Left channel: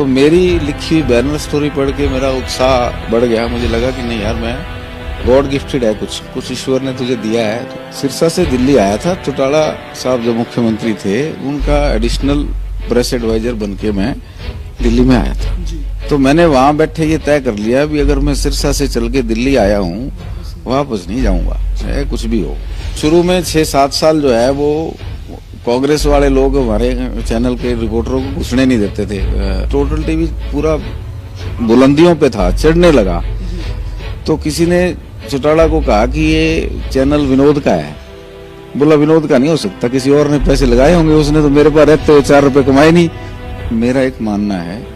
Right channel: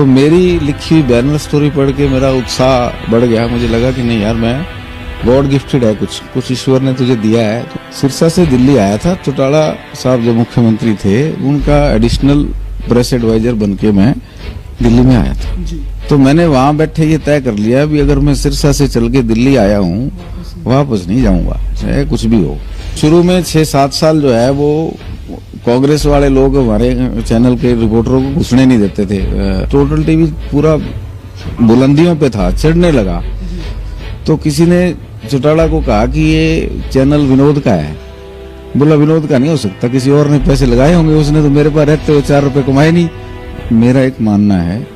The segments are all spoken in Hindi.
तो मेरी लिखी हुई बैनर स्टोरी पढ़ के मेरा उत्साह बढ़ गया। मुझे लगा कि नहीं यार, मैं गॉड गिफ्टेड है, कुछ ईश्वर ने तुझे दिया है। तो सिरसा से दिल्ली आया था। चौटाला साहब जो मुख्यमंत्री थे, उनका एडिशनल प्रेस एडवाइजर बन के मैं दिल्ली में आया था। तो मैंने वहां बैठे ये तय कर लिया भी अगर मैं सिरसा से चल के दिल्ली आया हूँ, वापस नहीं जाऊंगा, चाहे कुछ भी हो। शुरू में 6-7 साल जो है वो कांग्रेस वाले लोग हमारे चैनल के रिपोर्टरों को घुसने नहीं देते थे। टोटल टीवी पूरा बुलंदियों पे था, चढ़ने लगा। तो किसी ने चौटाला को कहा कि ये चैनल विनोद का है। बोला विनोद का नहीं हो सकता, किसी और ने पैसे लगाए होंगे, उसने तो मेरे पास रहते हुए 4 रुपए कमाए नहीं। मेरा एक मानना है,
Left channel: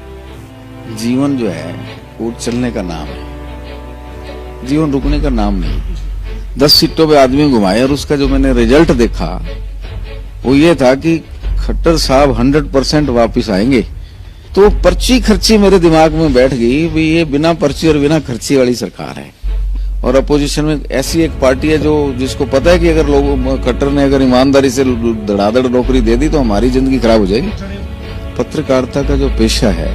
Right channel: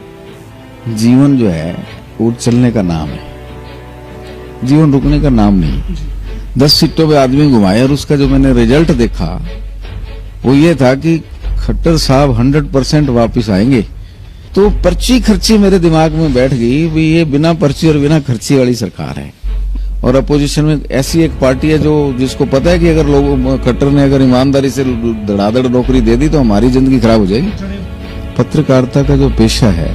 जीवन जो है वो चलने का नाम है, जीवन रुकने का नाम नहीं। 10 सीटों पे आदमी घुमाए और उसका जो मैंने रिजल्ट देखा वो ये था कि खट्टर साहब 100% वापिस आएंगे। तो पर्ची खर्ची मेरे दिमाग में बैठ गई भी ये बिना पर्ची और बिना खर्ची वाली सरकार है। और अपोजिशन में ऐसी एक पार्टी है जो जिसको पता है कि अगर लोग खट्टर ने अगर ईमानदारी से धड़ाधड़ नौकरी दे दी तो हमारी जिंदगी खराब हो जाएगी। पत्रकारिता का जो पेशा है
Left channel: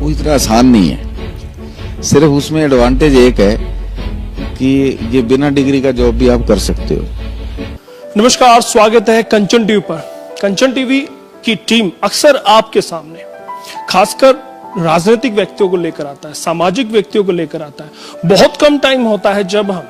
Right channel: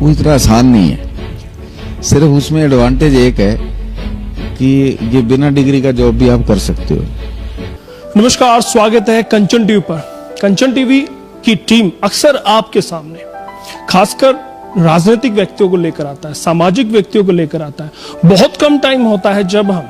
वो इतना आसान नहीं है। सिर्फ उसमें एडवांटेज एक है कि ये बिना डिग्री का जॉब भी आप कर सकते हो। नमस्कार, स्वागत है कंचन टीवी पर। कंचन टीवी की टीम अक्सर आपके सामने खासकर राजनीतिक व्यक्तियों को लेकर आता है, सामाजिक व्यक्तियों को लेकर आता है। बहुत कम टाइम होता है जब हम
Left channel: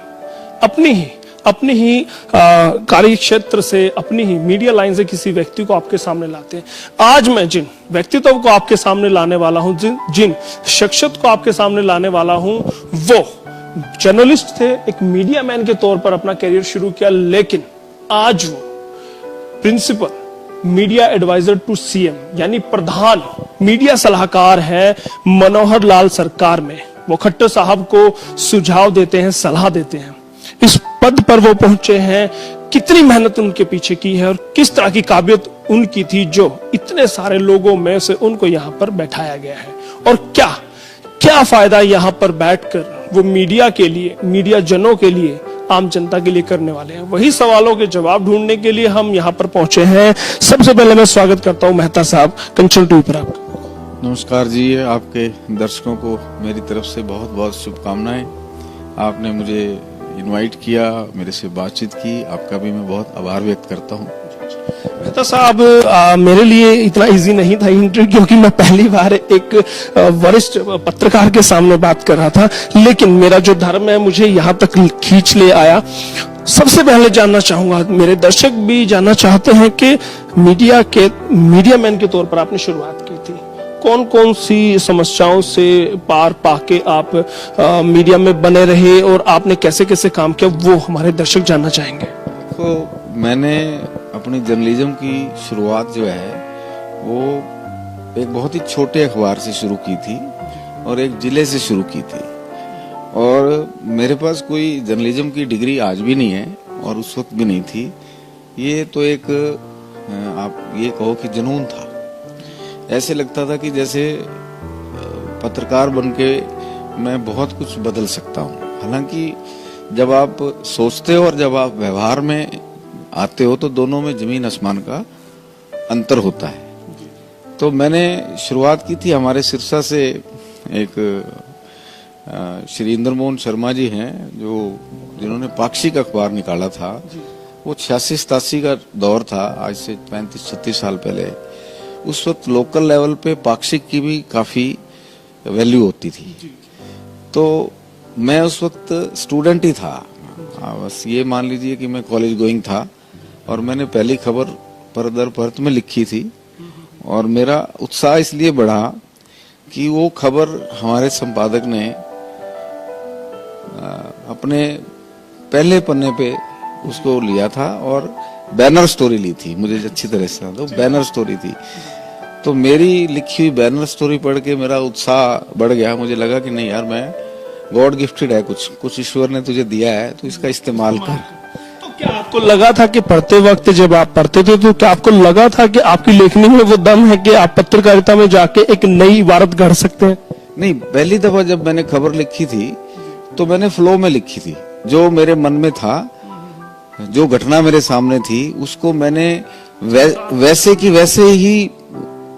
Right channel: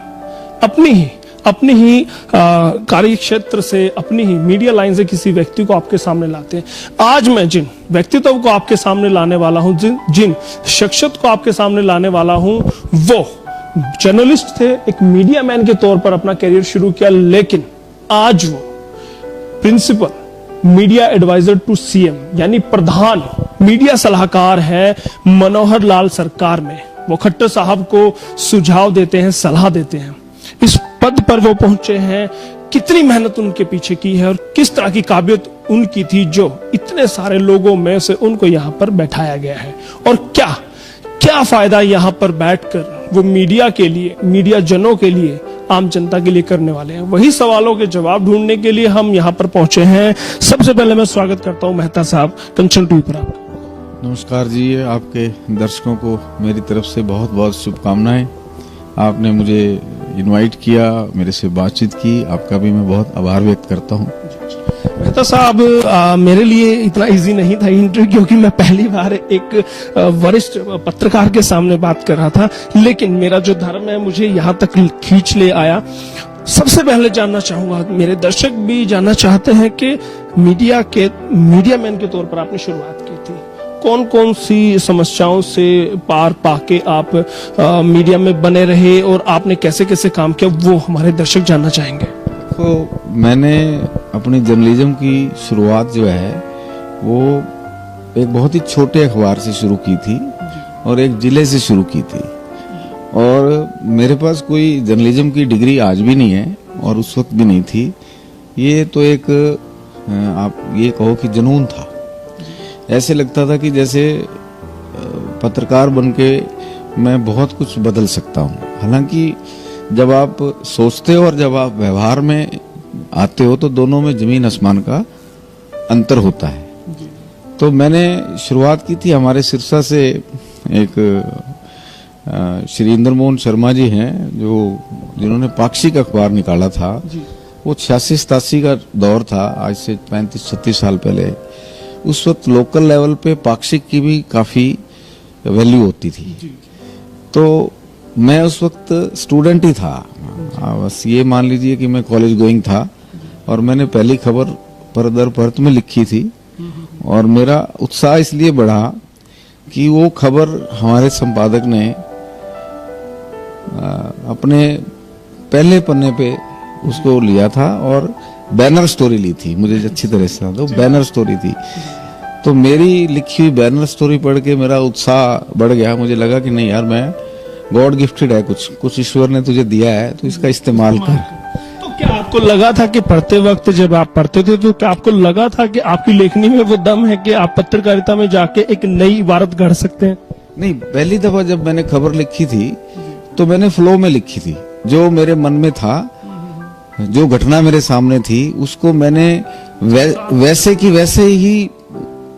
अपनी ही कार्य क्षेत्र से, अपनी ही मीडिया लाइन से किसी व्यक्ति को आपके सामने लाते हैं। आज मैं जिन व्यक्तित्व को आपके सामने लाने वाला हूं, जिन शख्सियत को आपके सामने लाने वाला हूं, वो जर्नलिस्ट थे, एक मीडिया मैन के तौर पर अपना करियर शुरू किया, लेकिन आज वो principal media adviser to CM यानी प्रधान मीडिया सलाहकार है मनोहर लाल सरकार में। वो खट्टर साहब को सुझाव देते हैं, सलाह देते हैं। इस पद पर वो पहुंचे हैं, कितनी मेहनत उनके पीछे की है और किस तरह की काबिलियत उनकी थी जो इतने सारे लोगों में से उनको यहां पर बैठाया गया है। और क्या फायदा यहां पर बैठकर वो मीडिया के लिए, मीडिया जनों के लिए, आम जनता के लिए करने वाले हैं। वही सवालों के जवाब ढूंढने के लिए हम यहाँ पर पहुंचे हैं। सबसे पहले मैं स्वागत करता हूं मेहता साहब कंचन टीवी पर आपका। नमस्कार जी, आपके दर्शकों को मेरी तरफ से बहुत बहुत शुभकामनाएं। आपने मुझे इनवाइट किया, मेरे से बातचीत की, आपका भी मैं बहुत आभार व्यक्त करता हूं। मेहता साहब, मेरे लिए इतना इजी नहीं था इंटरव्यू, क्योंकि मैं पहली बार एक वरिष्ठ पत्रकार के सामने बात कर रहा था, लेकिन मेरा जो धर्म है मुझे यहाँ तक खींच ले आया। सबसे पहले जानना चाहूंगा, मेरे दर्शक भी जानना चाहते हैं कि मीडिया मैन के तौर पर आपने शुरुआत की थी, कौन कौन सी समस्याओं से पार पाके आप मीडिया में बने रहे और आपने कैसे कैसे काम किया, वो हमारे दर्शक जानना चाहेंगे। तो मैंने अपनी जर्नलिज्म की शुरुआत जो है वो एक बहुत ही छोटे अखबार से शुरू की थी और एक जिले से शुरू की थी। और मेरे पास कोई जर्नलिज्म की डिग्री आज भी नहीं है और उस वक्त भी नहीं थी। ये तो एक आप ये कहो कि जुनून था। ऐसे लगता था कि जैसे पत्रकार बनके मैं बहुत कुछ बदल सकता हूँ। हालांकि जब आप सोचते हो और जब आप व्यवहार में आते हो तो दोनों में जमीन आसमान का अंतर होता है। तो मैंने शुरुआत की थी, हमारे सिरसा से एक श्री इंद्र मोहन शर्मा जी हैं जिन्होंने पाक्षिक अखबार निकाला था। वो 86-87 का दौर था, आज से 35-36 साल पहले। उस वक्त लोकल लेवल पे पाक्षिक की भी काफी वैल्यू होती थी। तो मैं उस वक्त स्टूडेंट ही था, बस ये मान लीजिए कि मैं कॉलेज गोइंग था और मैंने पहली खबर पर दर परत में लिखी थी। और मेरा उत्साह इसलिए बढ़ा कि वो खबर हमारे संपादक ने अपने पहले पन्ने पे उसको लिया था और बैनर स्टोरी ली थी। मुझे अच्छी तरह से तो बैनर स्टोरी थी। तो मेरी लिखी हुई बैनर स्टोरी पढ़ के मेरा उत्साह बढ़ गया। मुझे लगा कि नहीं यार, मैं गॉड गिफ्टेड है, कुछ ईश्वर ने तुझे दिया है, तो इसका इस्तेमाल कर। तो क्या आपको लगा था कि पढ़ते वक्त जब आप पढ़ते थे तो क्या आपको लगा था कि आपकी लेखनी में वो दम है कि आप पत्रकारिता में जाके एक नई इबारत गढ़ सकते हैं? नहीं, पहली दफा जब मैंने खबर लिखी थी तो मैंने फ्लो में लिखी थी। जो मेरे मन में था, जो घटना मेरे सामने थी, उसको मैंने वैसे की वैसे ही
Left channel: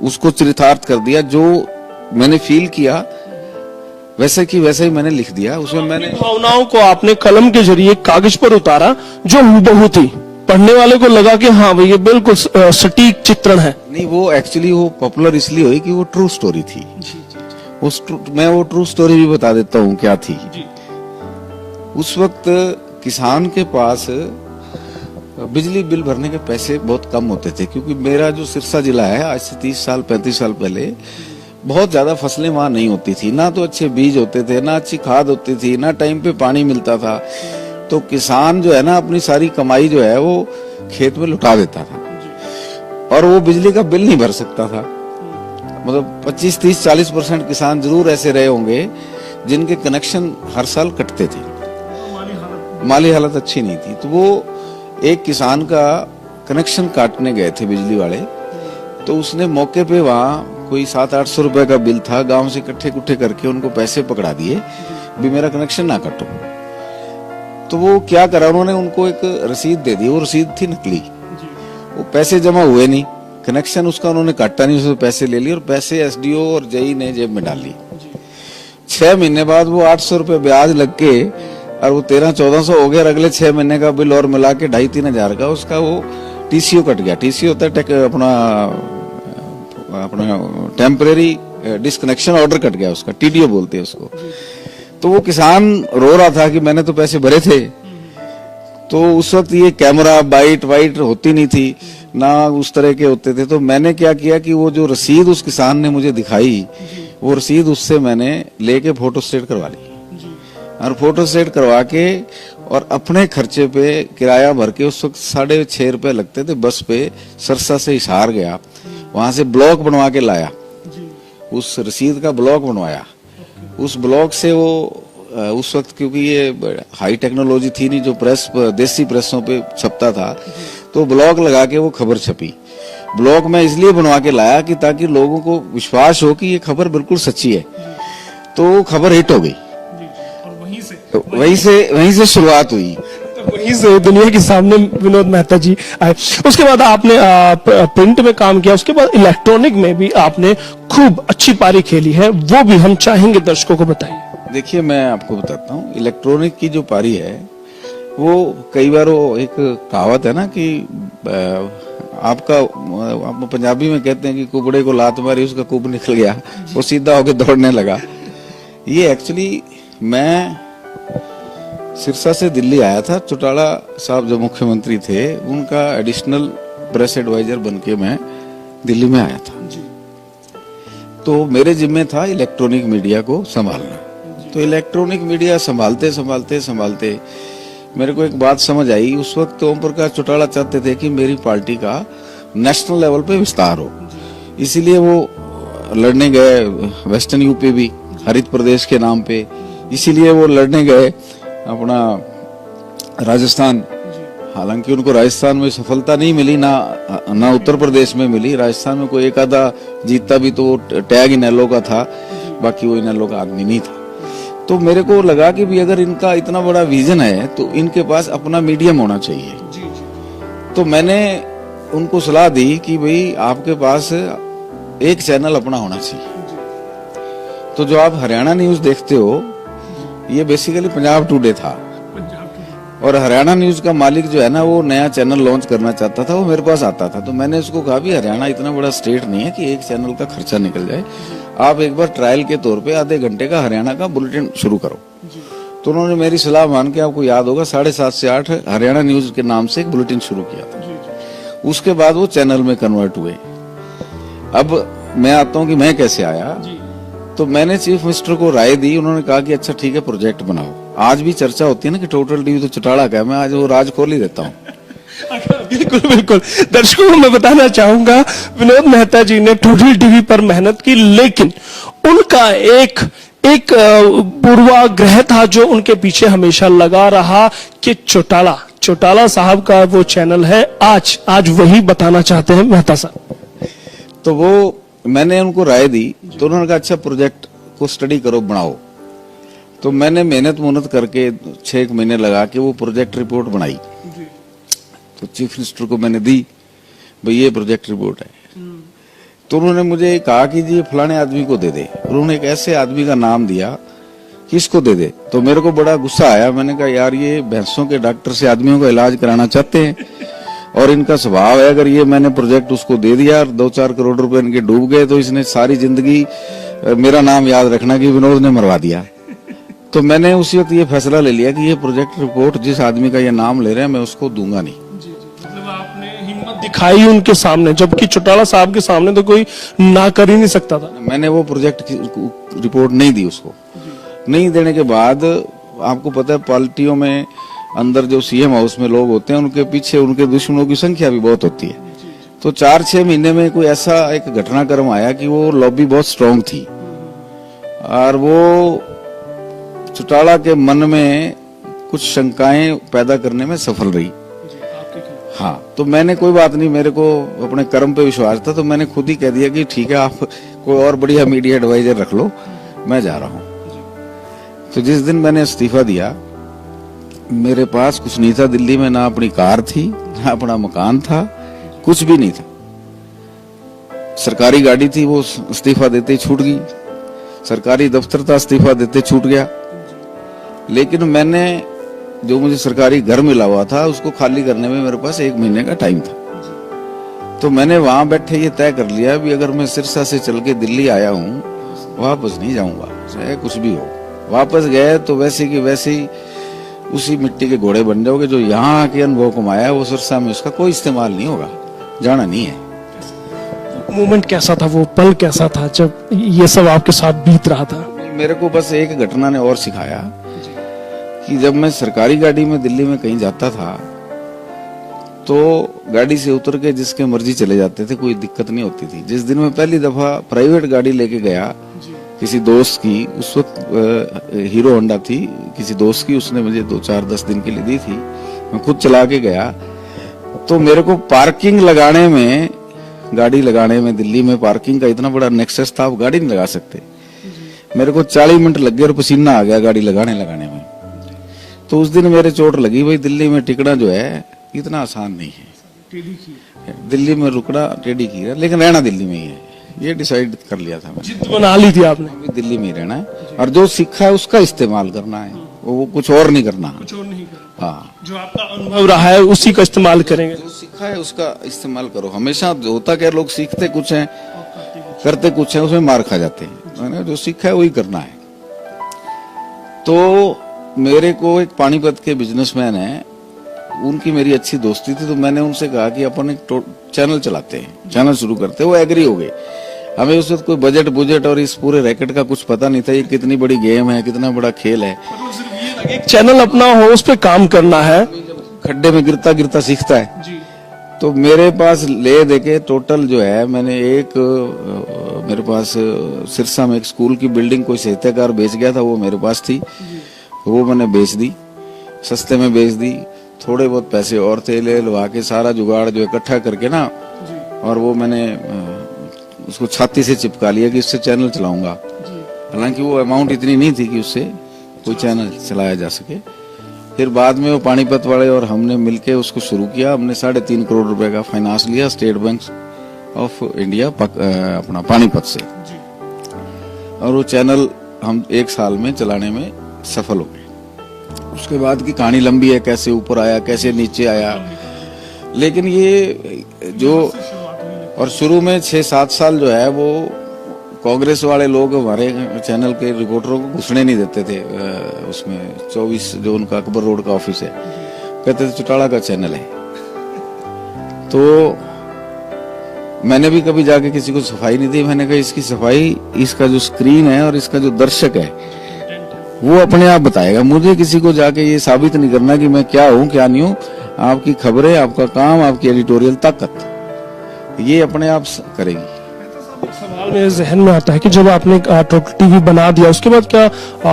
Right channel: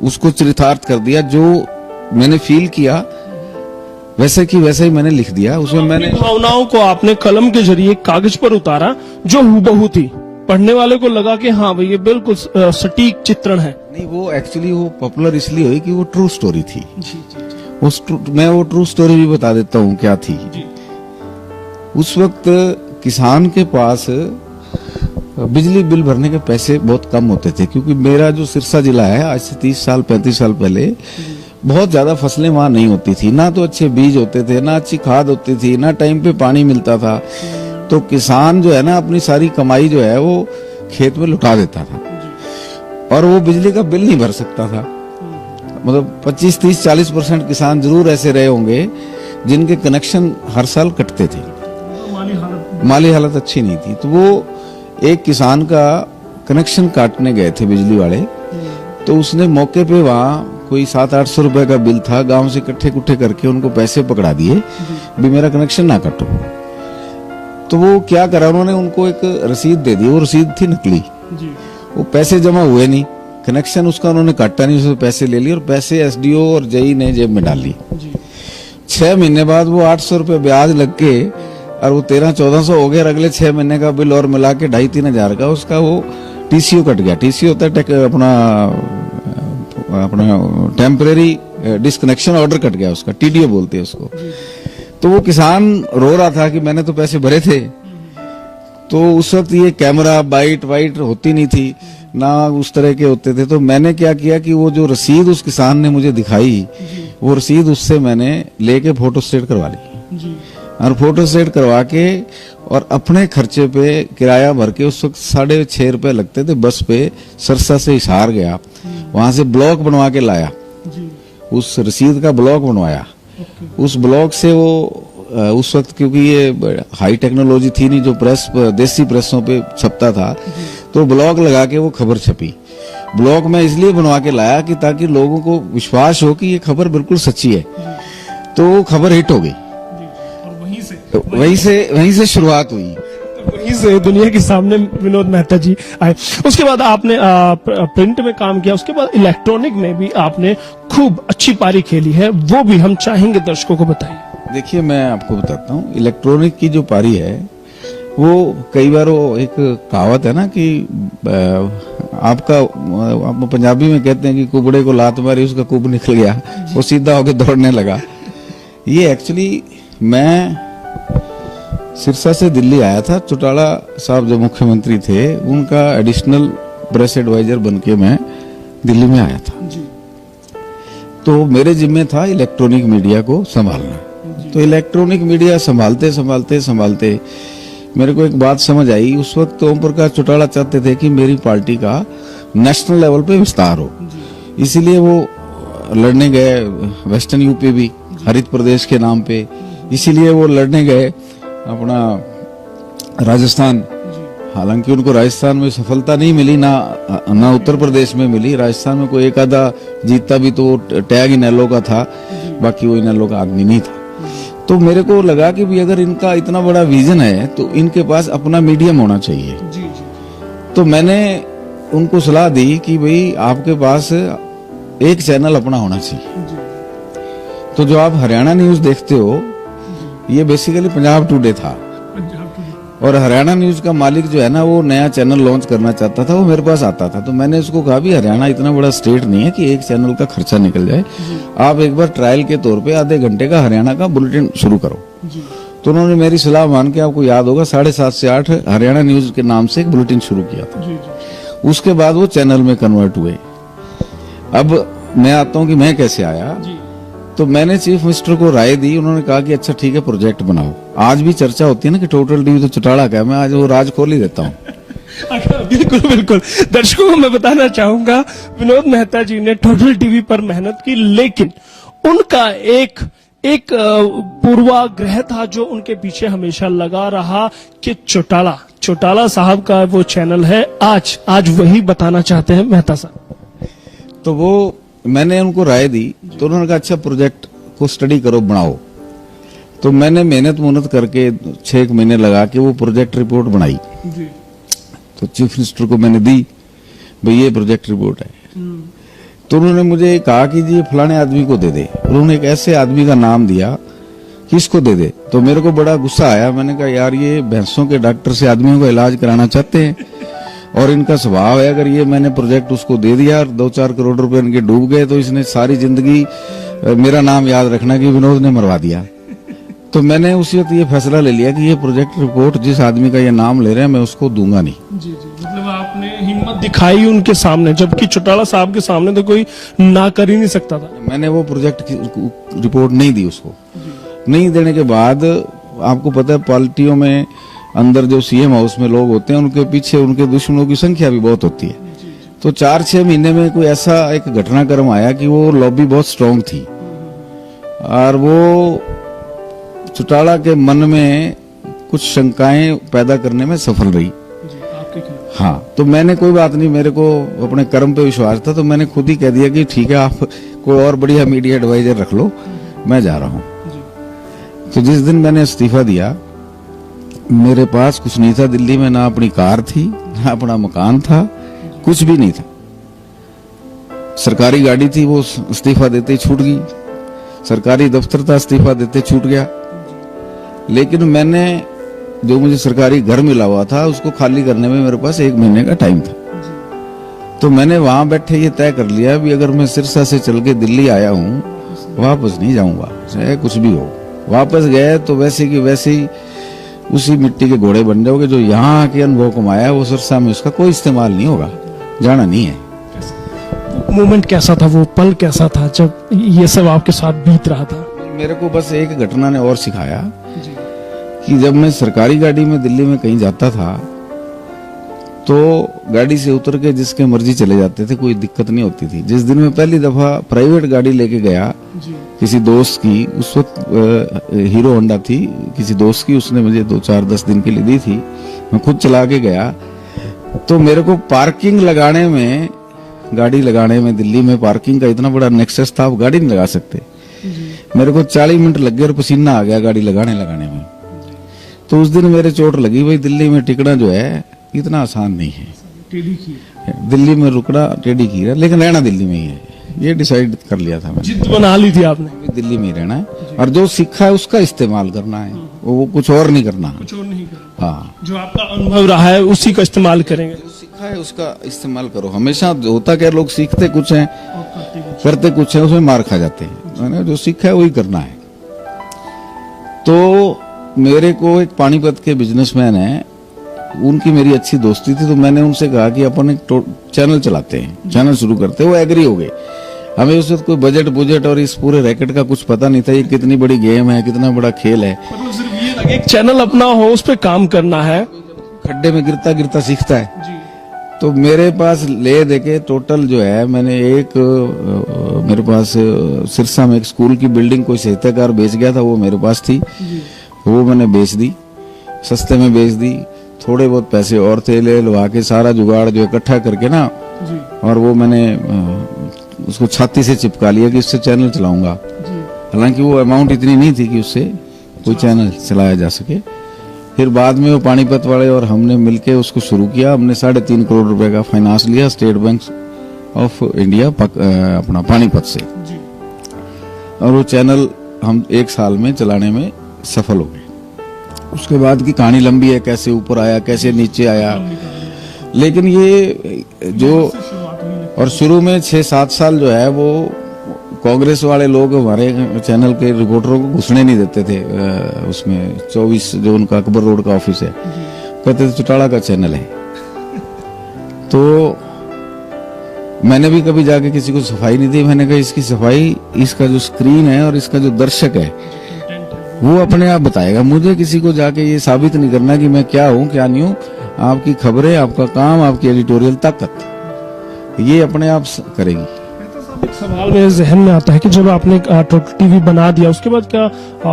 उसको चरितार्थ कर दिया। जो मैंने फील किया वैसे की वैसे ही मैंने लिख दिया। उसमें मैंने भावनाओं को आपने कलम के जरिए कागज पर उतारा जो हूबहू थी, पढ़ने वाले को लगा कि हाँ भाई ये बिल्कुल सटीक चित्रण है। नहीं, वो एक्चुअली वो पॉपुलर इसलिए हुई कि वो ट्रू स्टोरी थी। मैं वो ट्रू स्टोरी भी बता देता हूँ क्या थी। उस वक्त किसान के पास बिजली बिल भरने के पैसे बहुत कम होते थे, क्योंकि मेरा जो सिरसा जिला है आज से 30 साल 35 साल पहले बहुत ज्यादा फसलें वहां नहीं होती थी, ना तो अच्छे बीज होते थे, ना अच्छी खाद होती थी, ना टाइम पे पानी मिलता था। तो किसान जो है ना अपनी सारी कमाई जो है वो खेत में लुटा देता था, और वो बिजली का बिल नहीं भर सकता था। मतलब 25, 30, 40% किसान जरूर ऐसे रहे होंगे जिनके कनेक्शन हर साल कटते थे, माली हालत अच्छी नहीं थी। तो वो एक किसान का कनेक्शन काटने गए थे बिजली वाले, तो उसने मौके पे वहां कोई 700-800 रुपए का बिल था, गांव से इकट्ठे कुट्ठे करके उनको पैसे पकड़ा दिए भी मेरा कनेक्शन ना काटो। तो वो क्या करा, उन्होंने उनको एक रसीद दे दी। वो रसीद थी नकली, वो पैसे जमा हुए नहीं, कनेक्शन उसका उन्होंने काटा नहीं, उससे पैसे ले लिए और पैसे एसडीओ और जेई ने जेब में डाल ली। 6 महीने बाद वो 800 रुपए ब्याज लग के और वो 1300-1400 हो गया। अगले 6 महीने का बिल और मिला के 2,500-3 हजार का उसका वो टीसीओ कट गया। टीसीओ होता है अपना टेम्परेरी डिस्कनेक्शन ऑर्डर कट गया उसका, टीडीओ बोलते हैं उसको। तो वो किसान रो रहा था कि मैंने तो पैसे भरे थे। तो उस वक्त ये कैमरा बाइट वाइट होती नहीं थी, ना उस तरह के होते थे। तो मैंने क्या किया कि वो जो रसीद उस किसान ने मुझे दिखाई, वो रसीद उससे मैंने लेके फोटो स्टेट करवा ली, और फोटो स्टेट करवा के और अपने खर्चे पे किराया भर के, उस वक्त 6.5 रुपए लगते थे बस पे, सरसा से हिसार गया, वहां से ब्लॉक बनवा के लाया, उस रसीद का ब्लॉक बनवाया। उस ब्लॉक से वो उस वक्त क्योंकि ये हाई टेक्नोलॉजी थी नहीं, जो प्रेस देसी प्रेसों पे छपता था, तो ब्लॉक लगा के वो खबर छपी। ब्लॉक में इसलिए बनवा के लाया कि ताकि लोगों को विश्वास हो कि ये खबर बिल्कुल सच्ची है। तो खबर हिट हो गई, वहीं से शुरुआत हुई। तो वहीं से दुनिया के सामने विनोद मेहता जी आए। उसके बाद आपने प्रिंट में काम किया, उसके बाद इलेक्ट्रॉनिक में भी आपने खूब अच्छी पारी खेली है, वो भी हम चाहेंगे दर्शकों को बताइए। देखिए, मैं आपको बताता हूँ, इलेक्ट्रॉनिक की जो पारी है वो कई बार वो एक कहावत है ना कि आप पंजाबी में कहते हैं कि कुबड़े को लात मारी उसका कुब निकल गया, वो सीधा होके दौड़ने लगा। ये एक्चुअली मैं सिरसा से दिल्ली आया था, चौटाला साहब जो मुख्यमंत्री थे उनका एडिशनल प्रेस एडवाइजर बनके मैं दिल्ली में आया था। तो मेरे जिम्मे था इलेक्ट्रॉनिक मीडिया को संभालना। तो इलेक्ट्रॉनिक मीडिया संभालते संभालते संभालते मेरे को एक बात समझ आई। उस वक्त ओम प्रकाश चौटाला चाहते थे कि मेरी पार्टी का नेशनल लेवल पे विस्तार हो, इसीलिए वो लड़ने गए वेस्टर्न यूपी भी, हरित प्रदेश के नाम पे, इसीलिए वो लड़ने गए अपना राजस्थान। हालांकि उनको राजस्थान में सफलता नहीं मिली, ना उत्तर प्रदेश में मिली। राजस्थान में कोई एक आधा जीतता भी तो टैग इनेलो का था, बाकी वो इनेलो का आदमी नहीं था। तो मेरे को लगा कि भी अगर इनका इतना बड़ा विजन है तो इनके पास अपना मीडियम होना चाहिए। तो मैंने उनको सलाह दी कि भाई आपके पास एक चैनल अपना होना चाहिए। तो जो आप हरियाणा न्यूज देखते हो, ये बेसिकली पंजाब टुडे था, और हरियाणा न्यूज का मालिक जो है ना वो नया चैनल लॉन्च करना चाहता था, वो मेरे पास आता था। तो मैंने उसको कहा भी हरियाणा इतना बड़ा स्टेट नहीं है कि एक चैनल का खर्चा निकल जाए, आप एक बार ट्रायल के तौर पे आधे घंटे का हरियाणा का बुलेटिन शुरू करो। तो उन्होंने मेरी सलाह मान के, आपको याद होगा 7:30 से 8 हरियाणा न्यूज के नाम से एक बुलेटिन शुरू किया था। उसके बाद वो चैनल में कन्वर्ट हुए। अब मैं आता हूँ कि मैं कैसे आया। तो मैंने चीफ मिनिस्टर को राय दी, उन्होंने कहा कि अच्छा ठीक है प्रोजेक्ट बनाओ। आज भी चर्चा होती है ना कि टोटल टीवी तो चौटाला का है, मैं आज वो राज खोल ही देता हूँ। बिल्कुल बिल्कुल। दर्शकों को मैं बताना चाहूंगा, विनोद मेहता जी ने टोटल टीवी पर मेहनत की, लेकिन उनका एक पूर्वाग्रह था जो उनके पीछे हमेशा लगा रहा कि चौटाला साहब का वो चैनल है। आज वही बताना चाहते हैं मेहता साहब। तो वो मैंने उनको राय दी, तो उन्होंने कहा अच्छा प्रोजेक्ट को स्टडी करो, बनाओ। तो मैंने मेहनत करके 6 महीने लगा के वो प्रोजेक्ट रिपोर्ट बनाई। तो चीफ मिनिस्टर को मैंने दी, भाई ये प्रोजेक्ट रिपोर्ट है। तो उन्होंने मुझे कहा कि जी ये फलाने आदमी को दे दे। उन्होंने एक ऐसे आदमी का नाम दिया कि इसको दे दे। तो मेरे को बड़ा गुस्सा आया। मैंने कहा यार ये भैंसों के डॉक्टर से आदमियों का इलाज कराना चाहते हैं और इनका स्वभाव है, अगर ये मैंने प्रोजेक्ट उसको दे दिया और 2-4 करोड़ रुपए इनके डूब गए तो इसने सारी जिंदगी मेरा नाम याद रखना कि विनोद ने मरवा दिया। तो मैंने उसी वक्त ये फैसला ले लिया कि ये प्रोजेक्ट रिपोर्ट जिस आदमी का ये नाम ले रहे हैं मैं उसको दूंगा नहीं। जी जी, मतलब आपने हिम्मत दिखाई उनके सामने, जबकि चौटाला साहब के सामने तो कोई ना कर ही नहीं सकता था। मैंने वो प्रोजेक्ट की रिपोर्ट नहीं दी उसको। नहीं देने के बाद आपको पता है पार्टियों में अंदर जो सीएम हाउस में लोग होते हैं उनके पीछे उनके दुश्मनों की संख्या भी बहुत होती है। तो 4-6 महीने में कोई ऐसा एक घटनाक्रम आया कि वो लॉबी बहुत स्ट्रांग थी और वो चौटाला के मन में कुछ शंकाएं पैदा करने में सफल रही। हाँ, तो मैंने कोई बात नहीं, मेरे को अपने कर्म पे विश्वास था, तो मैंने खुद ही कह दिया कि ठीक है आप कोई और बढ़िया मीडिया एडवाइजर रख लो, मैं जा रहा हूँ। तो जिस दिन मैंने इस्तीफा दिया मेरे पास कुछ नहीं था दिल्ली में, ना अपनी कार थी ना अपना मकान था, कुछ भी नहीं था। सरकारी गाड़ी थी वो इस्तीफा देते ही छूट गई, सरकारी दफ्तर था इस्तीफा देते छूट गया। लेकिन मैंने जो मुझे सरकारी घर मिला हुआ था उसको खाली करने में मेरे पास 1 महीने का टाइम था। तो मैंने वहां बैठे ये तय कर लिया भी अगर मैं सिरसा से चल के दिल्ली आया हूँ वापस नहीं जाऊंगा, चाहे कुछ भी हो। वापस गए तो वैसे की वैसे ही उसी मिट्टी के घोड़े बन जाओगे। जो यहाँ आके अनुभव कमाया वो सिरसा में उसका कोई इस्तेमाल नहीं होगा, जाना नहीं है। मोमेंट कैसा था, वो पल कैसा था जब ये सब आपके साथ बीत रहा था? मेरे को बस एक घटना ने और सिखाया कि जब मैं सरकारी गाड़ी में दिल्ली में कहीं जाता था तो गाड़ी से उतर के जिसके मर्जी चले जाते थे, कोई दिक्कत नहीं होती थी। जिस दिन मैं पहली दफा प्राइवेट गाड़ी लेके गया किसी दोस्त की, उस वक्त हीरो होंडा थी, किसी दोस्त की, उसने मुझे 2-4-10 दिन के लिए दी थी, मैं खुद चला के गया। तो मेरे को पार्किंग लगाने में, गाड़ी लगाने में दिल्ली में पार्किंग का इतना बड़ा नेक्सस था, आप गाड़ी नहीं लगा सकते। मेरे को 40 मिनट लग गए और पसीना आ गया गाड़ी लगाने में। तो उस दिन मेरे चोट लगी, भाई दिल्ली में टिकना जो है इतना आसान नहीं है। दिल्ली में रुकना टेढ़ी की है, लेकिन रहना दिल्ली में ही है, ये डिसाइड कर लिया था मैंने। जिद बना ली थी आपने? दिल्ली में ही रहना है और जो सीखा है उसका इस्तेमाल करना है, वो कुछ और नहीं करना। कुछ और नहीं करना। हाँ, जो आपका अनुभव रहा है उसी का इस्तेमाल करेंगे। जो सीखा है उसका इस्तेमाल करो। हमेशा होता क्या, लोग सीखते कुछ हैं करते कुछ है, उसमें मार खा जाते हैं। जो सीखा है वही करना है। तो मेरे को एक पानीपत के बिजनेसमैन है, उनकी मेरी अच्छी दोस्ती थी, तो मैंने उनसे कहा कि अपन एक चैनल चलाते हैं, चैनल शुरू करते हैं। वो एग्री हो गए। हमें उस वक्त कोई बजट और इस पूरे रैकेट का कुछ पता नहीं था, ये कितनी बड़ी गेम है, कितना बड़ा खेल है। मतलब सिर्फ ये लगे एक चैनल अपना हो, उस पे काम करना है। खड्डे में गिरता गिरता सीखता है जी। तो मेरे पास ले देके टोटल जो है मैंने एक मेरे पास सिरसा में एक स्कूल की बिल्डिंग कोई साहित्यकार बेच गया था, वो मेरे पास थी, वो मैंने बेच दी, सस्ते में बेच दी। थोड़े बहुत पैसे और थे, ले लवा के सारा जुगाड़ जो इकट्ठा करके ना, और वो मैंने उसको छाती से चिपका लिया कि इससे चैनल चलाऊंगा। हालांकि वो अमाउंट इतनी नहीं थी कि उससे कोई चैनल चलाया जा सके। फिर बाद में वो पानीपत वाले और हमने मिलके उसको शुरू किया। हमने 3.5 करोड़ रुपए का फाइनेंस लिया स्टेट बैंक ऑफ इंडिया अपना पानीपत से, और वो चैनल हम 1 साल में चलाने में सफल हो गए। उसके बाद की कहानी लंबी है, कैसे ऊपर आया, कैसे नीचे आया। लेकिन ये जो, और शुरू में 6-7 साल जो है वो कांग्रेस वाले लोग हमारे चैनल के रिपोर्टरों को घुसने नहीं देते थे। उसमें 24 जो उनका अकबर रोड का ऑफिस है, कहते थे चौटाला का चैनल है। तो मैंने भी कभी जाके किसी को सफाई नहीं दी। मैंने कहा इसकी सफाई, इसका जो स्क्रीन है और इसका जो दर्शक है वो अपने आप बताएगा। मुझे किसी को जाके ये साबित नहीं करना कि मैं क्या हूँ क्या नहीं हूँ। आपकी खबरें, आपका काम, आपकी एडिटोरियल ताकत ये अपने आप करेगी। एक सवाल मेरे जहन में आता है कि जब आपने टोटल टीवी बना दिया, उसके बाद क्या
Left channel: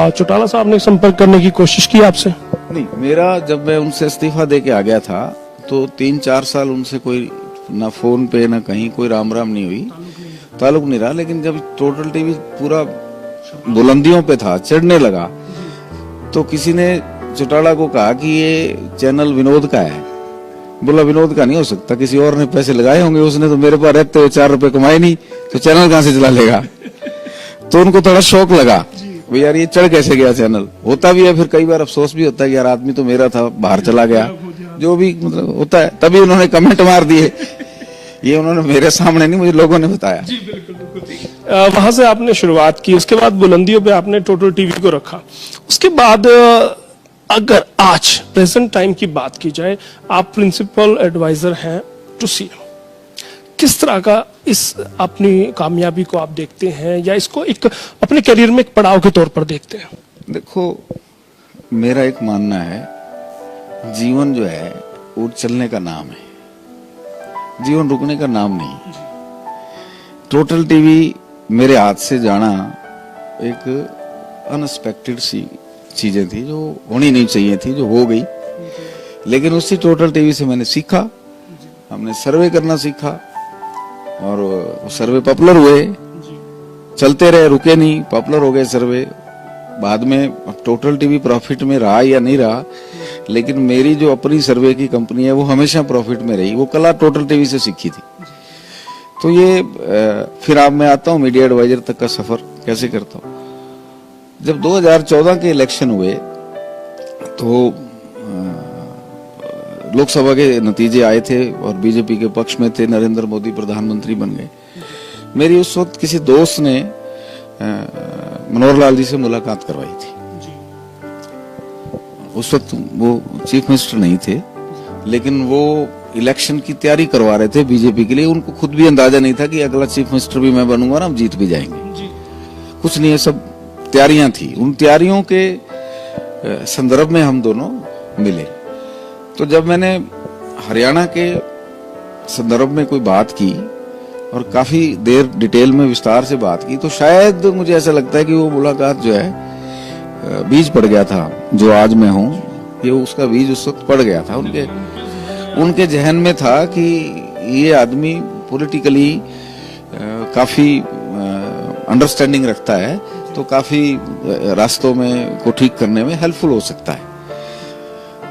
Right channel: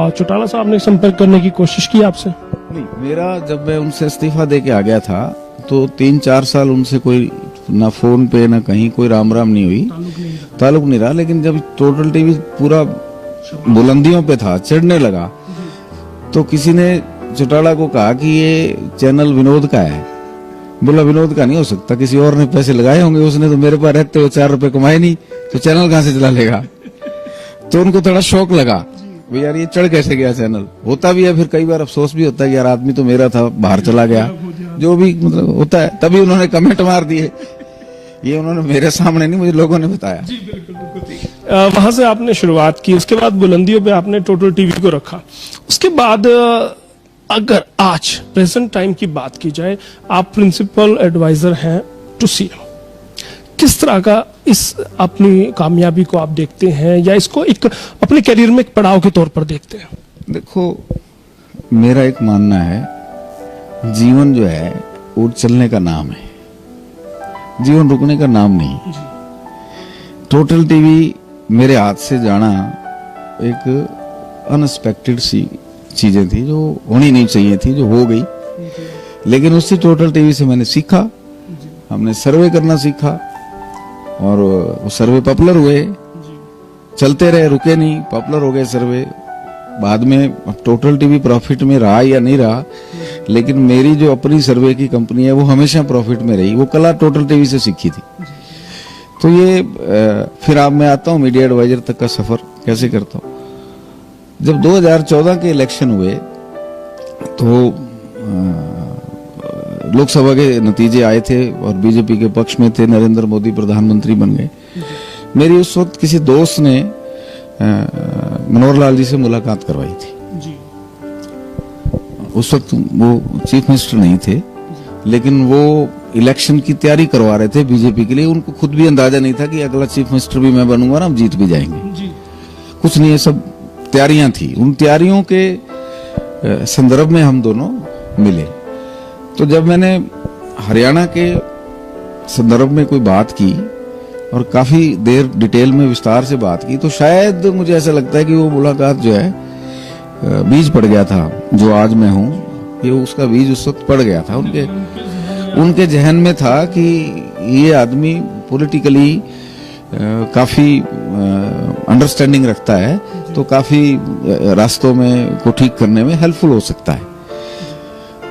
चौटाला साहब ने संपर्क करने की कोशिश की आपसे? नहीं, मेरा जब मैं उनसे इस्तीफा दे के आ गया था तो 3-4 साल उनसे कोई ना फोन पे ना कहीं कोई राम नहीं हुई, ताल्लुक नहीं रहा। लेकिन जब टोटल टीवी पूरा बुलंदियों पे था, चढ़ने लगा, तो किसी ने चौटाला को कहा कि ये चैनल विनोद का है बोला विनोद का नहीं हो सकता, किसी और ने पैसे लगाए होंगे, उसने तो मेरे पास रहते हुए 4 रुपए कमाए नहीं, तो चैनल कहां से चला लेगा। तो उनको थोड़ा शौक लगा भाई यार ये चढ़ कैसे गया चैनल। होता भी है, फिर कई बार अफसोस भी होता है कि यार आदमी तो मेरा था, बाहर चला गया, जो भी मतलब होता है। तभी उन्होंने कमेंट मार दिए, ये उन्होंने मेरे सामने नहीं, मुझे लोगों ने बताया। वहां से आपने शुरुआत की, उसके बाद बुलंदियों पे आपने टोटल टीवी को रखा। उसके बाद अगर आज प्रेजेंट टाइम की बात की जाए, आप प्रिंसिपल एडवाइजर हैं टू सीएम, किस तरह का इस अपनी कामयाबी को आप देखते हैं, या इसको एक अपने करियर में एक पड़ाव के तौर पर देखते हैं? देखो मेरा एक मानना है, जीवन जो है वो चलने का नाम है, जीवन रुकने का नाम नहीं। टोटल टीवी मेरे हाथ से जाना एक अनएक्सपेक्टेड सी चीजें थी, जो होनी नहीं चाहिए थी, जो हो गई। लेकिन उसी टोटल टीवी से मैंने सीखा, हमने सर्वे करना सीखा, और वो सर्वे पॉपुलर हुए, चलते रहे, रुके नहीं, पॉपुलर हो गए सर्वे। बाद में अब टोटल टीवी प्रॉफिट में रहा या नहीं रहा, लेकिन मेरी जो अपनी सर्वे की कंपनी है वो हमेशा प्रॉफिट में रही। वो कला टोटल टीवी से सीखी थी। तो ये फिर अब मैं आता हूँ मीडिया एडवाइजर तक का सफर कैसे करता हूँ। जब 2014 के इलेक्शन हुए तो लोकसभा के नतीजे आए थे और बीजेपी के पक्ष में थे, नरेंद्र मोदी प्रधानमंत्री बन गए। मेरी उस वक्त किसी दोस्त ने मनोहर लाल जी से मुलाकात करवाई थी। उस वक्त वो चीफ मिनिस्टर नहीं थे, लेकिन वो इलेक्शन की तैयारी करवा रहे थे बीजेपी के लिए। उनको खुद भी अंदाजा नहीं था कि अगला चीफ मिनिस्टर भी मैं बनूंगा ना, हम जीत भी जाएंगे। कुछ नहीं, ये सब तैयारियां थी। उन तैयारियों के संदर्भ में हम दोनों मिले। तो जब मैंने हरियाणा के संदर्भ में कोई बात की और काफी देर डिटेल में विस्तार से बात की, तो शायद मुझे ऐसा लगता है कि वो मुलाकात जो है बीज पड़ गया था। जो आज मैं हूं, ये उसका बीज उस वक्त पड़ गया था। उनके जहन में था कि ये आदमी पॉलिटिकली काफी अंडरस्टैंडिंग रखता है, तो काफी रास्तों में को ठीक करने में हेल्पफुल हो सकता है।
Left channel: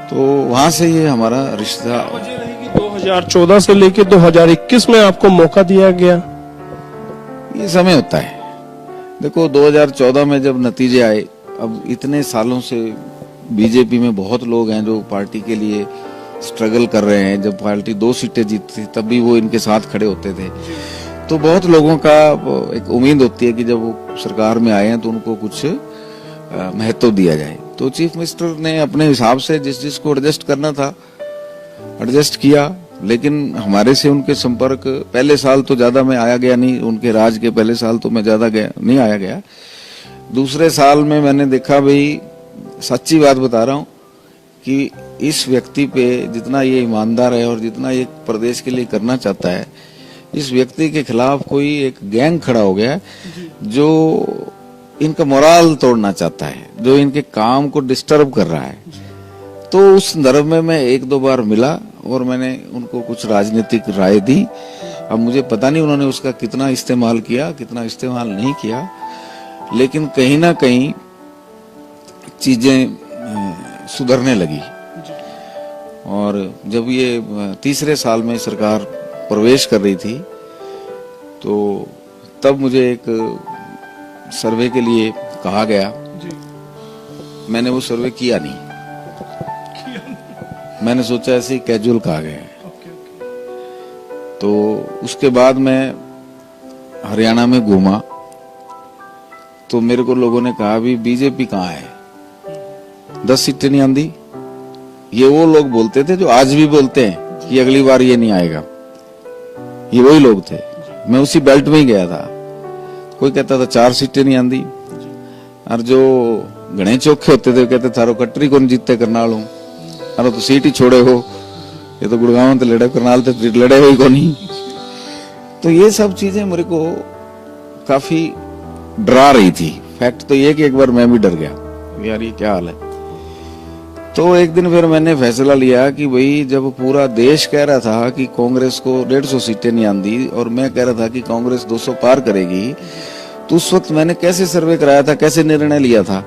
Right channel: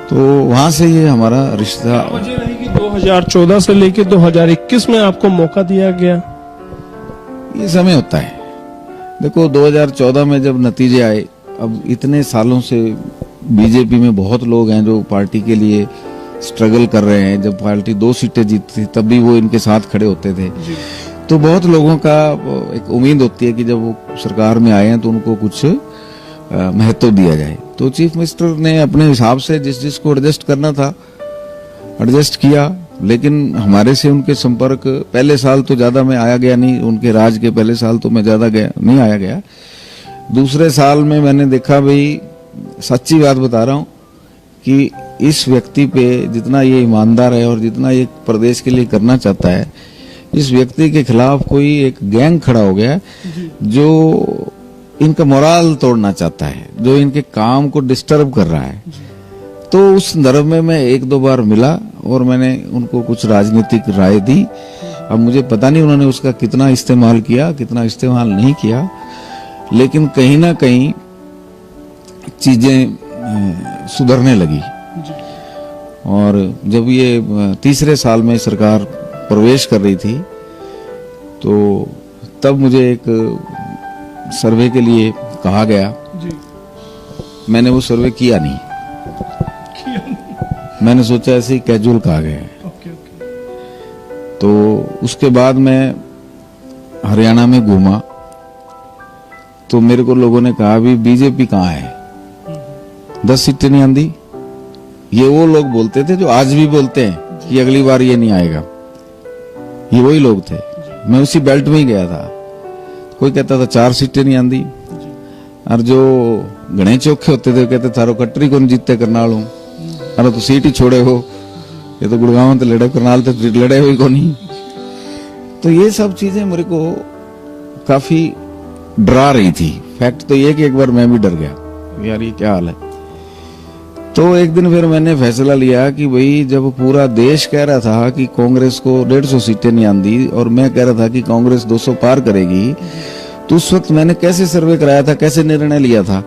तो वहां से ये हमारा रिश्ता। वजह रही कि 2014 से लेकर 2021 में आपको मौका दिया गया। ये समय होता है। देखो 2014 में जब नतीजे आए, अब इतने सालों से बीजेपी में बहुत लोग हैं जो पार्टी के लिए स्ट्रगल कर रहे हैं। जब पार्टी 2 सीटें जीतती तब भी वो इनके साथ खड़े होते थे। तो बहुत लोगों का एक उम्मीद होती है कि जब वो सरकार में आए हैं तो उनको कुछ महत्व दिया जाए। तो चीफ मिनिस्टर ने अपने हिसाब से जिस जिसको एडजस्ट करना था एडजस्ट किया। लेकिन हमारे से उनके संपर्क पहले साल तो ज्यादा मैं आया गया नहीं, उनके राज के पहले साल तो मैं ज्यादा गया नहीं आया गया। दूसरे साल में मैंने देखा, भाई सच्ची बात बता रहा हूं कि इस व्यक्ति पे जितना ये ईमानदार है और जितना ये प्रदेश के लिए करना चाहता है, इस व्यक्ति के खिलाफ कोई एक गैंग खड़ा हो गया जो इनका मोराल तोड़ना चाहता है, जो इनके काम को डिस्टर्ब कर रहा है। तो उस संदर्भ में मैं 1-2 बार मिला और मैंने उनको कुछ राजनीतिक राय दी। अब मुझे पता नहीं उन्होंने उसका कितना इस्तेमाल किया, कितना इस्तेमाल नहीं किया, लेकिन कहीं ना कहीं चीजें सुधरने लगी। और जब ये तीसरे साल में सरकार प्रवेश कर रही थी, तो तब मुझे एक सर्वे के लिए कहा गया। मैंने वो सर्वे किया नहीं, मैंने सोचा ऐसे ही कैजुअल कहा गया है। तो उसके बाद मैं हरियाणा में घूमा तो मेरे को लोगों ने कहा भी बीजेपी कहाँ है, 10 सीटें नहीं आंदी। ये वो लोग बोलते थे जो आज भी बोलते हैं कि अगली बार ये नहीं आएगा, ये वही लोग थे। मैं उसी बेल्ट में ही गया था। कोई कहता था 4 सीटें नहीं आंदी, और जो घने चौखे होते थे कहते थारो कटरी को नहीं जीतते करनाल हूं, अरे तो सीट ही छोड़े हो, ये तो गुड़गांव तो लड़े, करनाल तो लड़े हुई को नहीं। तो ये सब चीजें मेरे को काफी डरा रही थी। फैक्ट तो ये कि एक बार मैं भी डर गया, यार ये क्या हाल है। तो एक दिन फिर मैंने फैसला लिया कि भाई जब पूरा देश कह रहा था कि कांग्रेस को 150 सीटें नहीं आंदी और मैं कह रहा था कि कांग्रेस 200 पार करेगी, तो उस वक्त मैंने कैसे सर्वे कराया था, कैसे निर्णय लिया था,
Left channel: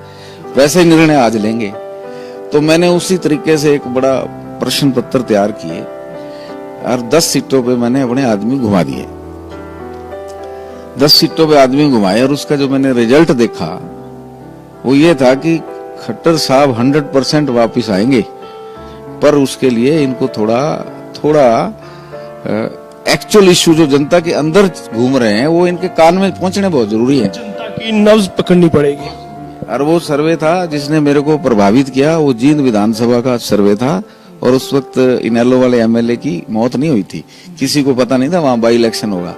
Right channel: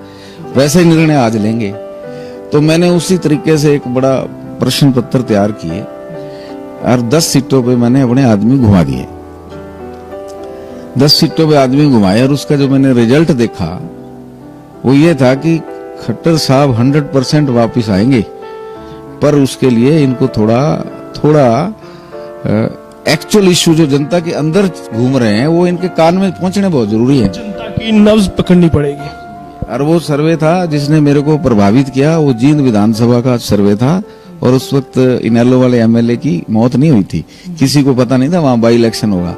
वैसे ही निर्णय आज लेंगे। तो मैंने उसी तरीके से एक बड़ा प्रश्न पत्र तैयार किए और 10 सीटों पे मैंने अपने आदमी घुमा दिए। 10 सीटों पे आदमी घुमाए और उसका जो मैंने रिजल्ट देखा वो ये था कि खट्टर साहब 100% वापिस आएंगे, पर उसके लिए इनको थोड़ा एक्चुअल इश्यू जो जनता के अंदर घूम रहे हैं वो इनके कान में पहुंचने बहुत जरूरी है। जनता की नब्ज पकड़नी पड़ेगी। और वो सर्वे था जिसने मेरे को प्रभावित किया, वो जींद विधानसभा का सर्वे था और उस वक्त इनेलो वाले एमएलए की मौत नहीं हुई थी, किसी को पता नहीं था वहां बाई इलेक्शन होगा।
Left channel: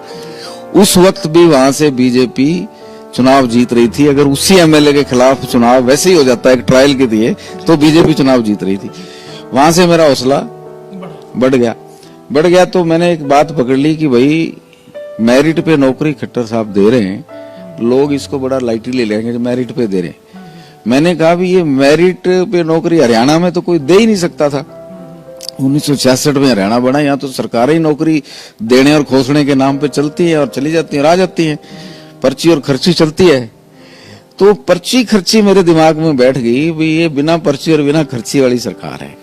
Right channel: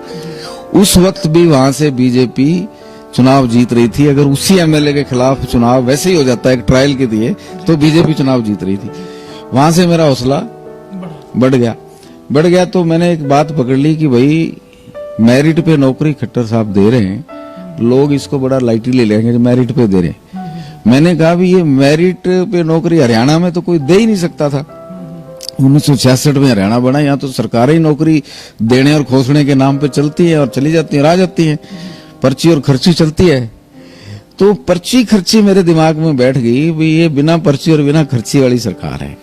उस वक्त भी वहां से बीजेपी चुनाव जीत रही थी। अगर उसी एमएलए के खिलाफ चुनाव वैसे ही हो जाता है एक ट्रायल के दिए तो बीजेपी चुनाव जीत रही थी। वहां से मेरा हौसला बढ़ गया। तो मैंने एक बात पकड़ ली कि भाई मेरिट पे नौकरी खट्टर साहब दे रहे हैं, लोग इसको बड़ा लाइटली ले लेंगे जो मेरिट पे दे रहे हैं। मैंने कहा भी ये मेरिट पे नौकरी हरियाणा में तो कोई दे ही नहीं सकता था। 1966 में हरियाणा बना, यहाँ तो सरकारें ही नौकरी देने और खोसने के नाम पे चलती है और चली जाती है, आ जाती है, पर्ची और खर्ची चलती है। तो पर्ची खर्ची मेरे दिमाग में बैठ गई भी ये बिना पर्ची और बिना खर्ची वाली सरकार है।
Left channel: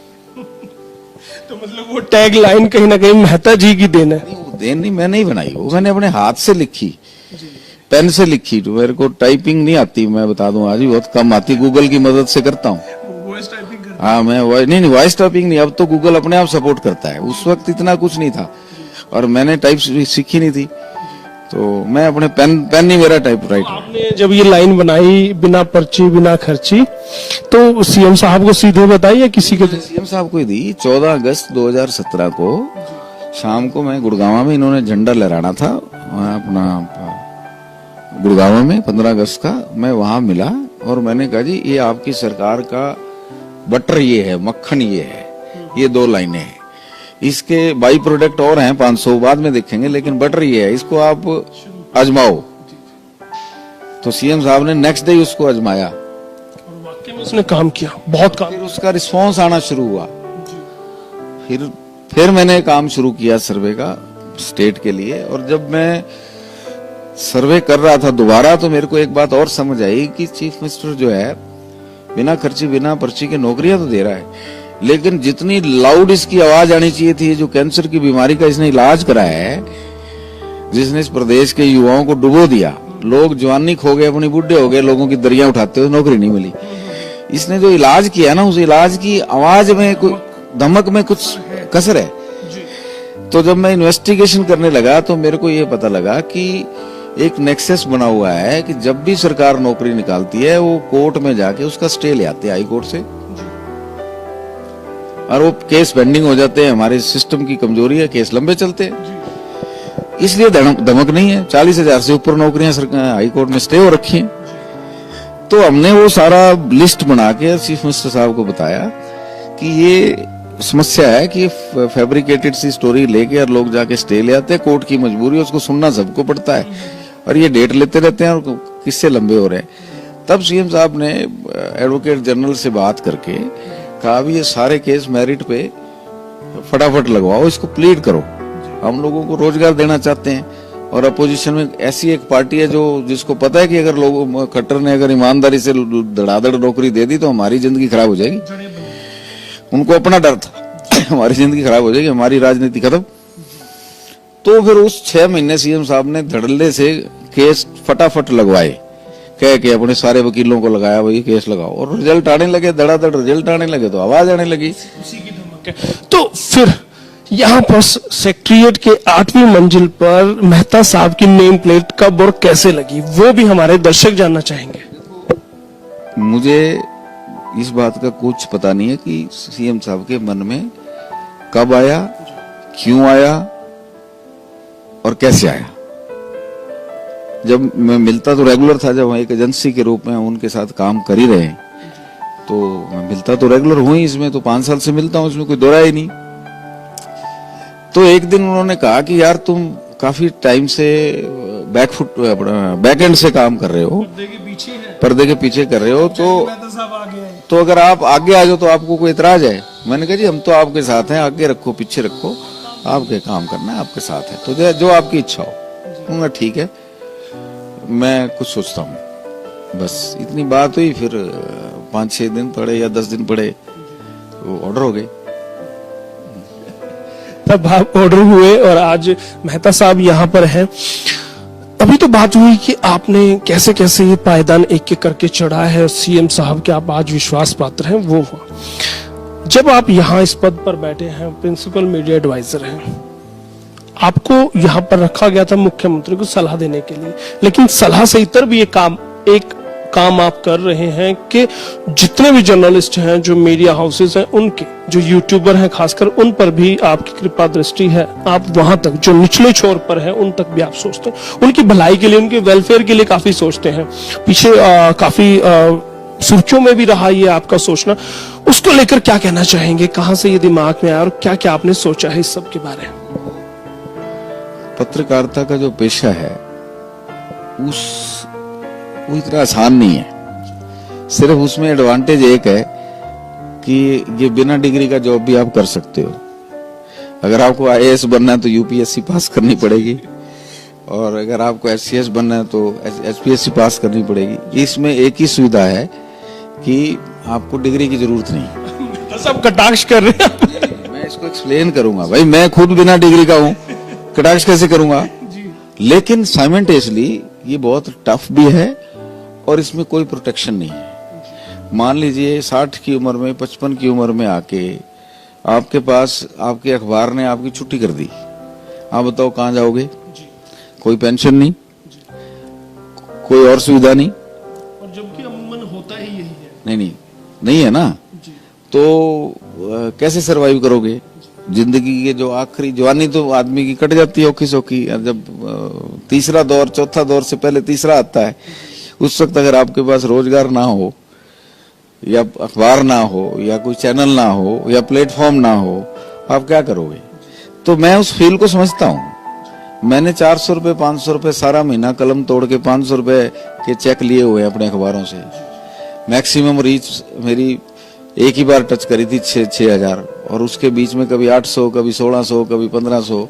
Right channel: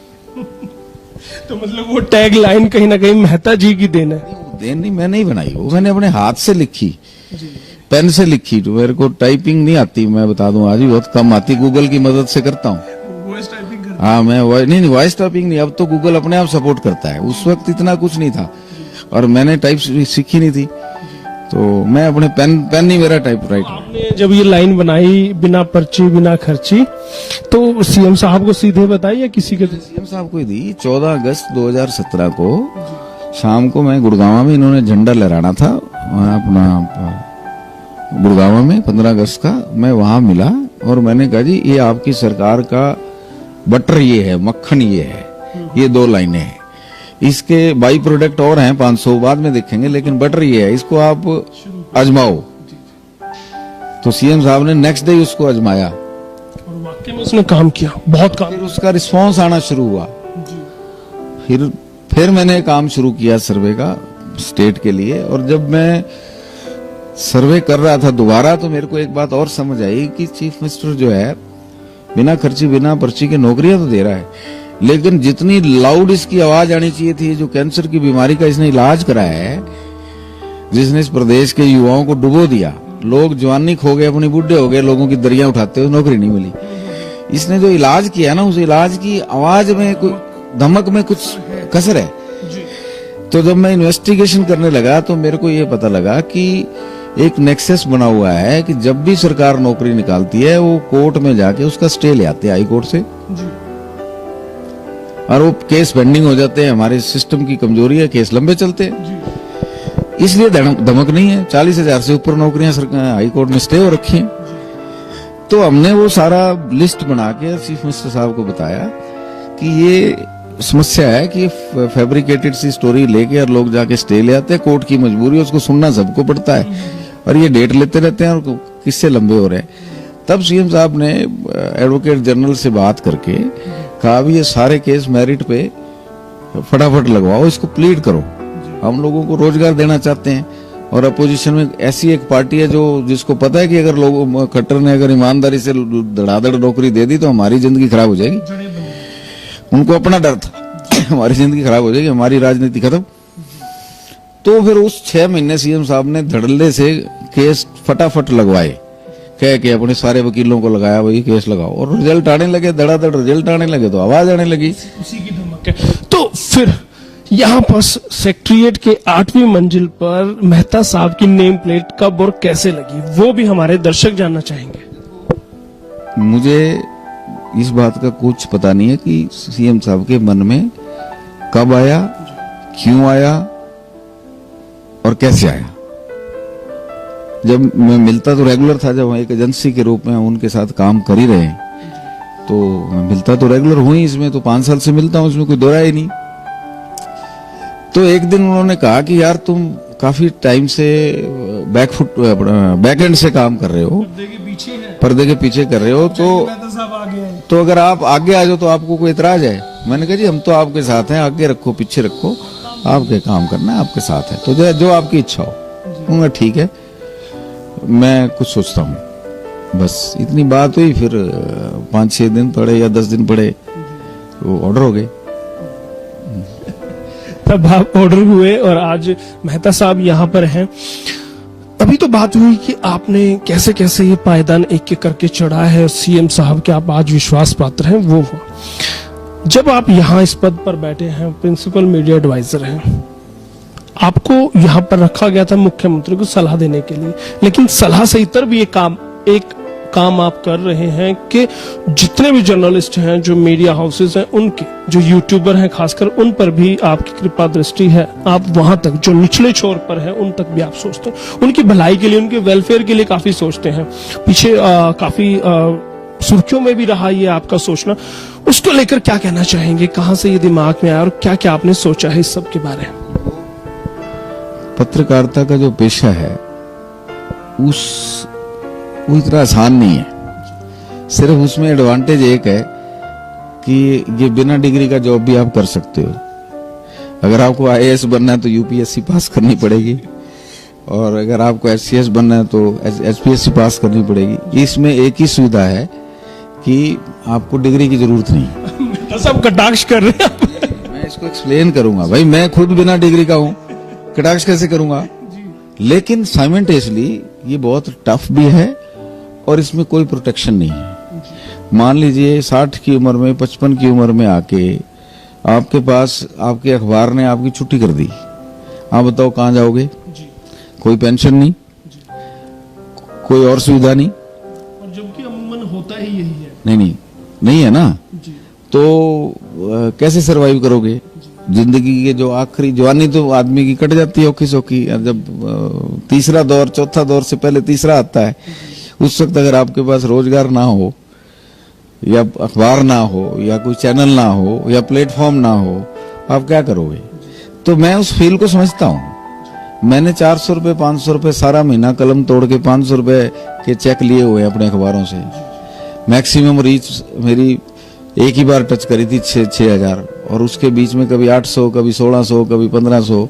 तो मतलब वो टैग लाइन कहीं ना कहीं मेहता जी की देन है। देन नहीं, मैं नहीं बनाई, वो मैंने अपने हाथ से लिखी, पेन से लिखी। तो मेरे को टाइपिंग नहीं आती, मैं बता दूं, आज भी बहुत कम आती, गूगल की मदद से करता हूँ। हाँ मैं नहीं वॉइस टाइपिंग नहीं, अब तो गूगल अपने आप सपोर्ट करता है। उस वक्त इतना कुछ नहीं था और मैंने टाइप सीखी नहीं थी, तो मैं अपने पेन ही मेरा टाइप राइट। आपने जब ये लाइन बनाई बिना पर्ची बिना खर्ची तो सीएम साहब को सीधे बताई या किसी के? सीएम साहब को ही दी। 14 अगस्त 2017 को शाम को मैं गुड़गांव में, इन्होंने झंडा लहराना था अपना गुड़गांव में 15 अगस्त का, मैं वहां मिला और मैंने कहा जी ये आपकी सरकार का बटर ये है, मक्खन ये है, ये 2 लाइनें हैं, इसके बाई प्रोडक्ट और हैं 500 बाद में देखेंगे, लेकिन बटर ये है, इसको आप आजमाओ। तो सीएम साहब ने नेक्स्ट डे उसको आजमाया और वाकई में उसने काम किया, बहुत काम। फिर उसका रिस्पांस आना शुरू हुआ। फिर मैंने काम शुरू किया सर्वे का स्टेट के लिए। और जब मैं सर्वे कर रहा था दोबारा तो मेरे को एक बात और समझ आई कि चीफ मिनिस्टर जो है बिना खर्ची बिना पर्ची के नौकरियां तो दे रहा है, लेकिन जितनी लाउड इसकी आवाज आनी चाहिए थी, जो कैंसर की बीमारी का इसने इलाज कराया है, जिसने इस प्रदेश के युवाओं को डुबो दिया, लोग जवानी खो गए, अपनी बुढ़े हो गए, लोगों की दरियां उठाते हुए नौकरी नहीं मिली। इसने जो इलाज किया ना, उस इलाज की आवाज में कोई धमक में कुछ कसर है। तो जब मैं इन्वेस्टिगेशन करने लगा तो मेरे को ये पता लगा कि एक नेक्सस बना हुआ है कि जब भी सरकार नौकरी निकालती है वो कोर्ट में जाके उसका स्टे ले आते हैं हाई कोर्ट से, और वो केस पेंडिंग हो जाते हैं। हमारे सिस्टम की कमजोरी है, केस लंबे चलते हैं, इसलिए धमक नहीं है। 40,000 से ऊपर नौकरियां हाई कोर्ट में स्टे हो रखी हैं। तो हमने वो सारा लिस्ट बना के चीफ मिनिस्टर साहब को बताया कि ये समस्या है कि फैब्रिकेटेड सी स्टोरी लेके और लोग जाके स्टे ले आते हैं, कोर्ट की मजबूरी है, उसको सुनना सबको पड़ता है और ये डेट लेते रहते हैं और किससे लंबे हो रहे हैं। तब सीएम साहब ने एडवोकेट जनरल से बात करके कहा भी ये सारे केस मेरिट पे फटाफट लगवाओ, इसको प्लीड करो, हम लोगों को रोजगार देना चाहते हैं। और अपोजिशन में ऐसी एक पार्टी है जो जिसको पता है कि अगर लोगों खट्टर ने अगर ईमानदारी से धड़ाधड़ नौकरी दे दी तो हमारी जिंदगी खराब हो जाएगी। उनको अपना डर था हमारी जिंदगी खराब हो जाएगी, हमारी राजनीति खत्म। तो फिर उस 6 महीने सीएम साहब ने धड़ल्ले से केस फटाफट लगवाए, कह के अपने सारे वकीलों को लगाया वही केस लगाओ, और रिजल्ट आने लगे, धड़ाधड़ रिजल्ट आने लगे तो आवाज आने लगी। उसी की धमक है। तो फिर यहाँ पर सेक्रेटरिएट के 8वीं मंजिल पर मेहता साहब की नेम प्लेट कब और कैसे लगी, वो भी हमारे दर्शक जानना चाहेंगे। मुझे इस बात का कुछ पता नहीं है कि सीएम साहब के मन में कब आया, क्यों आया और कैसे आया। जब मैं मिलता तो रेगुलर था, जब एक एजेंसी के रूप में हम उनके साथ काम कर ही रहे हैं तो मैं मिलता तो रेगुलर हूं ही, इसमें तो 5 साल से मिलता हूं, इसमें कोई दो राय ही नहीं। तो एक दिन उन्होंने कहा कि यार तुम काफी टाइम से बैक एंड से काम कर रहे हो, पर्दे के पीछे कर रहे हो, तो अगर आप आगे आ जाओ तो आपको कोई इतराज है। मैंने कहा जी हम तो आपके साथ हैं, आगे रखो पीछे रखो, आपके काम करना है, आपके साथ है, तो जो आपकी इच्छा हो। उन्होंने ठीक है मैं कुछ सोचता हूँ, बस इतनी बात हुई। फिर 5-6 दिन पड़े या 10 दिन पड़े वो ऑर्डर हो गए। तब आप ऑर्डर हुए और आज मेहता साहब यहाँ पर हैं। अभी तो बात हुई कि आपने कैसे कैसे ये पायदान एक एक करके चढ़ा है और सीएम साहब के आप आज विश्वास पात्र हैं, वो हुआ। जब आप यहाँ इस पद पर बैठे हैं, प्रिंसिपल मीडिया एडवाइजर हैं, आपको यहाँ पर रखा गया था मुख्यमंत्री को सलाह देने के लिए, लेकिन सलाह से इतर भी एक काम आप कर रहे हैं कि जितने भी जर्नलिस्ट हैं, जो मीडिया हाउसेस हैं, उनके जो यूट्यूबर हैं खासकर, उन पर भी आपकी कृपा दृष्टि है। आप वहां तक जो निचले छोर पर है उन तक भी आप सोचते हैं, उनकी भलाई के लिए, उनके वेलफेयर के लिए काफी सोचते हैं। पीछे काफी सुर्खियों में भी रहा ये आपका सोचना, उसको लेकर क्या कहना चाहेंगे? कहां से ये दिमाग में आया और क्या क्या आपने सोचा है इस सब के बारे में? पत्रकारिता का जो पेशा है वो इतना आसान नहीं है। सिर्फ उसमें एडवांटेज एक है कि ये बिना डिग्री का जॉब भी आप कर सकते हो। अगर आपको आईएएस बनना है तो यूपीएससी पास करनी पड़ेगी, और अगर आपको एचसीएस बनना है तो एचपीएससी पास करनी पड़ेगी। इसमें एक ही सुविधा है कि आपको डिग्री की जरूरत नहीं। सब कटाक्ष कर रहे हैं। मैं इसको एक्सप्लेन करूंगा भाई, मैं खुद बिना डिग्री का हूं, कटाक्ष कैसे करूंगा? लेकिन साइमल्टेनियसली ये बहुत टफ भी है और इसमें कोई प्रोटेक्शन नहीं है। मान लीजिए 60 की उम्र में, 55 की उम्र में आके आपके पास आपके अखबार ने आपकी छुट्टी कर दी, आप बताओ कहां जाओगे? कोई पेंशन नहीं, कोई और सुविधा नहीं, और जबकि अमूमन होता ही यही है। नहीं है ना। तो कैसे सरवाइव करोगे? जिंदगी के जो आखिरी जवानी तो आदमी की कट जाती है औखी सौखी, जब तीसरा दौर, चौथा दौर से पहले तीसरा आता है, उस वक्त अगर आपके पास रोजगार ना हो, या अखबार ना हो, या कोई चैनल ना हो, या प्लेटफॉर्म ना हो, आप क्या करोगे? तो मैं उस फील को समझता हूँ। मैंने 400 रुपए, 500 रुपए सारा महीना कलम तोड़ के 500 रुपए के चेक लिए हुए अपने अखबारों से। मैक्सिमम रीच मेरी एक ही बार टच करी थी 6,000, और उसके बीच में कभी 800, कभी 1600, कभी 1500।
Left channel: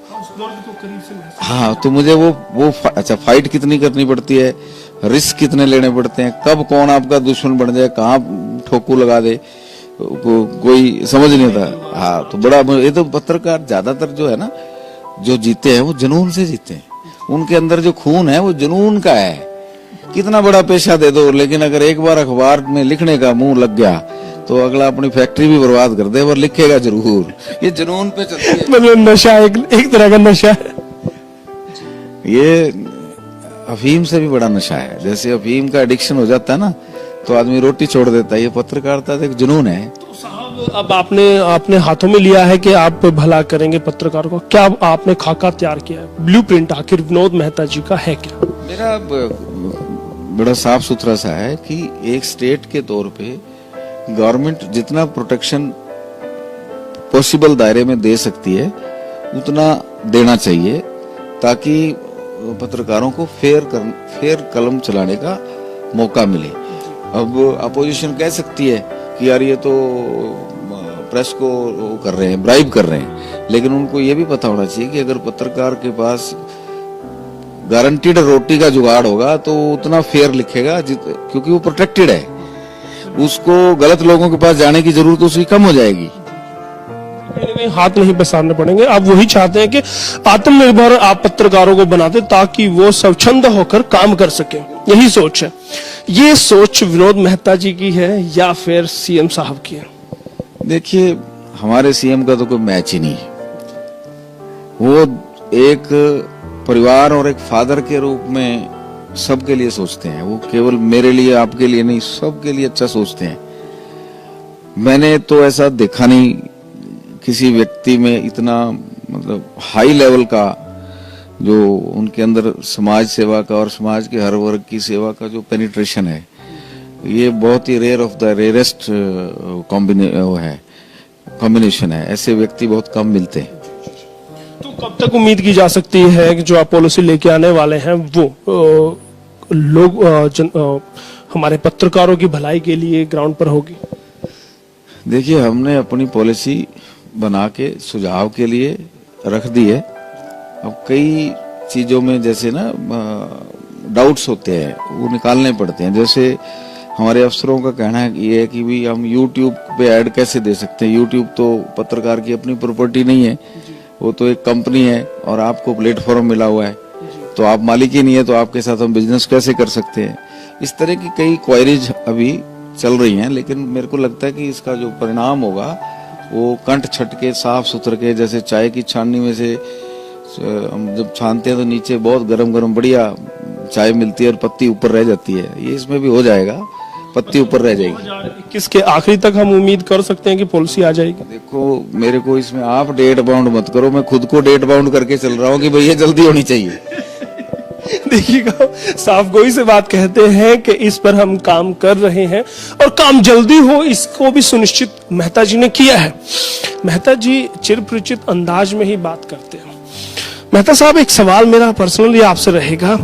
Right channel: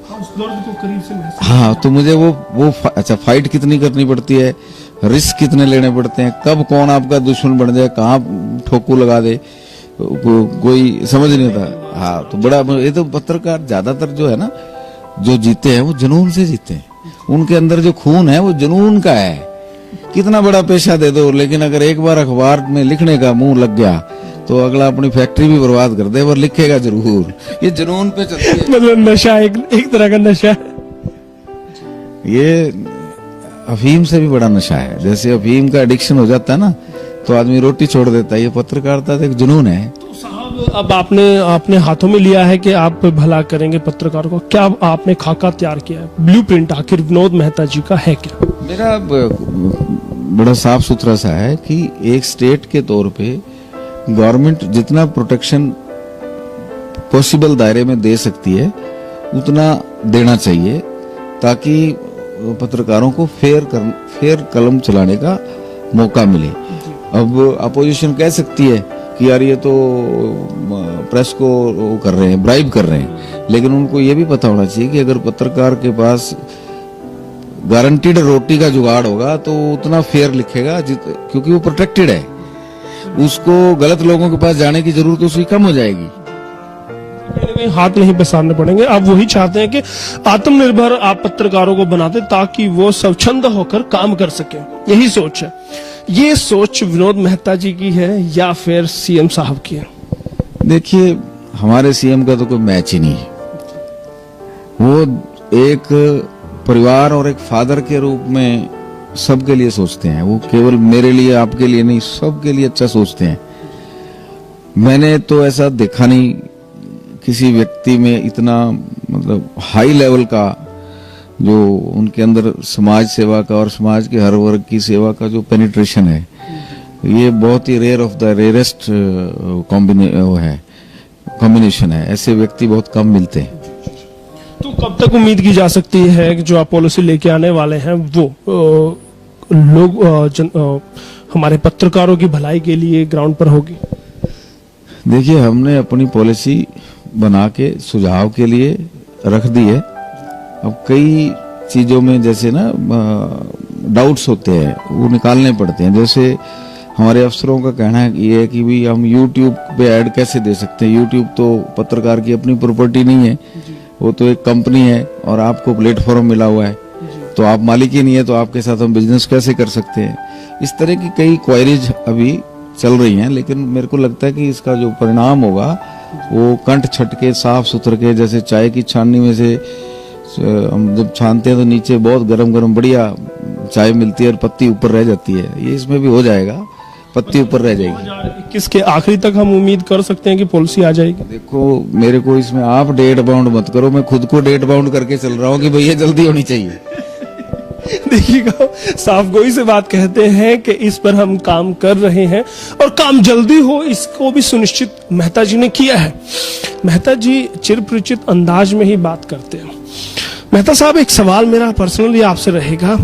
हाँ, तो मुझे वो अच्छा, फाइट कितनी करनी पड़ती है, रिस्क कितने लेने पड़ते हैं, कब कौन आपका दुश्मन बन जाए, कहाँ ठोकू लगा दे, कोई समझ नहीं आता। हाँ, तो बड़ा ये तो पत्रकार ज्यादातर जो है ना, जो जीते हैं वो जुनून से जीते हैं। उनके अंदर जो खून है वो जुनून का है। कितना बड़ा पेशा दे दो, लेकिन अगर एक बार अखबार में लिखने का मुंह लग गया तो अगला अपनी फैक्ट्री भी बर्बाद कर दे, पर लिखेगा जरूर। ये जुनून पे चलती है। मतलब नशा, एक तरह का नशा है। ये अफीम से भी बड़ा नशा है। जैसे अफीम का एडिक्शन हो जाता है ना, तो आदमी रोटी छोड़ देता है। ये पत्रकारिता एक जुनून है। तो साहब, अब आपने हाथों में लिया है कि आप भला करेंगे पत्रकारों को। क्या आपने खाका तैयार किया है, ब्लूप्रिंट आखिर विनोद मेहता जी का है क्या? मेरा बड़ा साफ सुथरा सा है कि एक स्टेट के तौर पे गवर्नमेंट जितना प्रोटेक्शन पॉसिबल दायरे में दे सकती है उतना देना चाहिए, ताकि पत्रकारों को फेयर कलम चलाने का मौका मिले। अब अपोजिशन कह सकती है कि यार ये तो प्रेस को कर रहे हैं, ब्राइब कर रहे हैं, लेकिन उनको ये भी पता होना चाहिए कि अगर पत्रकार के पास गारंटीड रोटी का जुगाड़ होगा तो उतना फेयर लिखेगा, क्योंकि वो प्रोटेक्टेड है। उसको गलत लोगों के पास जाने की जरूरत उसकी कम हो जाएगी। हाथ नहीं पसारने पड़ेंगे। आप वही चाहते हैं कि आत्मनिर्भर आप पत्रकारों को बनाते, ताकि वो स्वच्छंद होकर काम कर सके। यही सोच है। ये सोच विनोद मेहता जी की है या फिर सीएम साहब की है? देखिए, हमारे सीएम का तो कोई मैच ही नहीं है। वो एक परिवार और एक फादर के रूप में सबके लिए सोचते हैं। वो केवल मेरे लिए, आपके लिए नहीं, सबके लिए अच्छा सोचते हैं। मैंने तो ऐसा देखा नहीं किसी व्यक्ति में इतना मतलब हाई लेवल का, जो उनके अंदर समाज सेवा का और समाज के हर वर्ग की सेवा का जो पेनिट्रेशन है, ये बहुत ही rare of the rarest combination है। ऐसे व्यक्ति बहुत कम मिलते हैं। तो कब तक उम्मीद की जा सकती है कि जो आप पॉलिसी लेके आने वाले हैं वो हमारे पत्रकारों की भलाई के लिए ग्राउंड पर होगी? देखिए, हमने अपनी पॉलिसी बना के सुझाव के लिए रख दी है। अब कई चीजों में जैसे ना डाउट्स होते हैं, वो निकालने पड़ते हैं। जैसे हमारे अफसरों का कहना है ये है कि भी हम YouTube पे ऐड कैसे दे सकते हैं। YouTube तो पत्रकार की अपनी प्रॉपर्टी नहीं है, वो तो एक कंपनी है और आपको प्लेटफॉर्म मिला हुआ है, तो आप मालिक ही नहीं है तो आपके साथ हम बिजनेस कैसे कर सकते हैं। इस तरह की कई क्वायरीज अभी चल रही हैं, लेकिन मेरे को लगता है कि इसका जो परिणाम होगा वो कंठ छटके साफ सुथर के, जैसे चाय की छाननी में से हम जब छानते हैं तो नीचे बहुत गरम गरम बढ़िया चाय मिलती है और पत्ती ऊपर रह जाती है, ये इसमें भी हो जाएगा, पत्ती ऊपर रह जाएगी। 2021 के आखिरी तक हम उम्मीद कर सकते हैं कि पॉलिसी आ जाएगी। देखो मेरे को इसमें आप डेट बाउंड मत करो, मैं खुद को डेट बाउंड करके चल रहा हूँ कि भैया जल्दी होनी चाहिए। देखिएगा, साफ गोई से बात कहते हैं कि इस पर हम काम कर रहे हैं और काम जल्दी हो इसको भी सुनिश्चित मेहता जी ने किया है। मेहता जी चिरपरिचित अंदाज में ही बात करते हैं। मेहता साहब, एक सवाल मेरा पर्सनली आपसे रहेगा,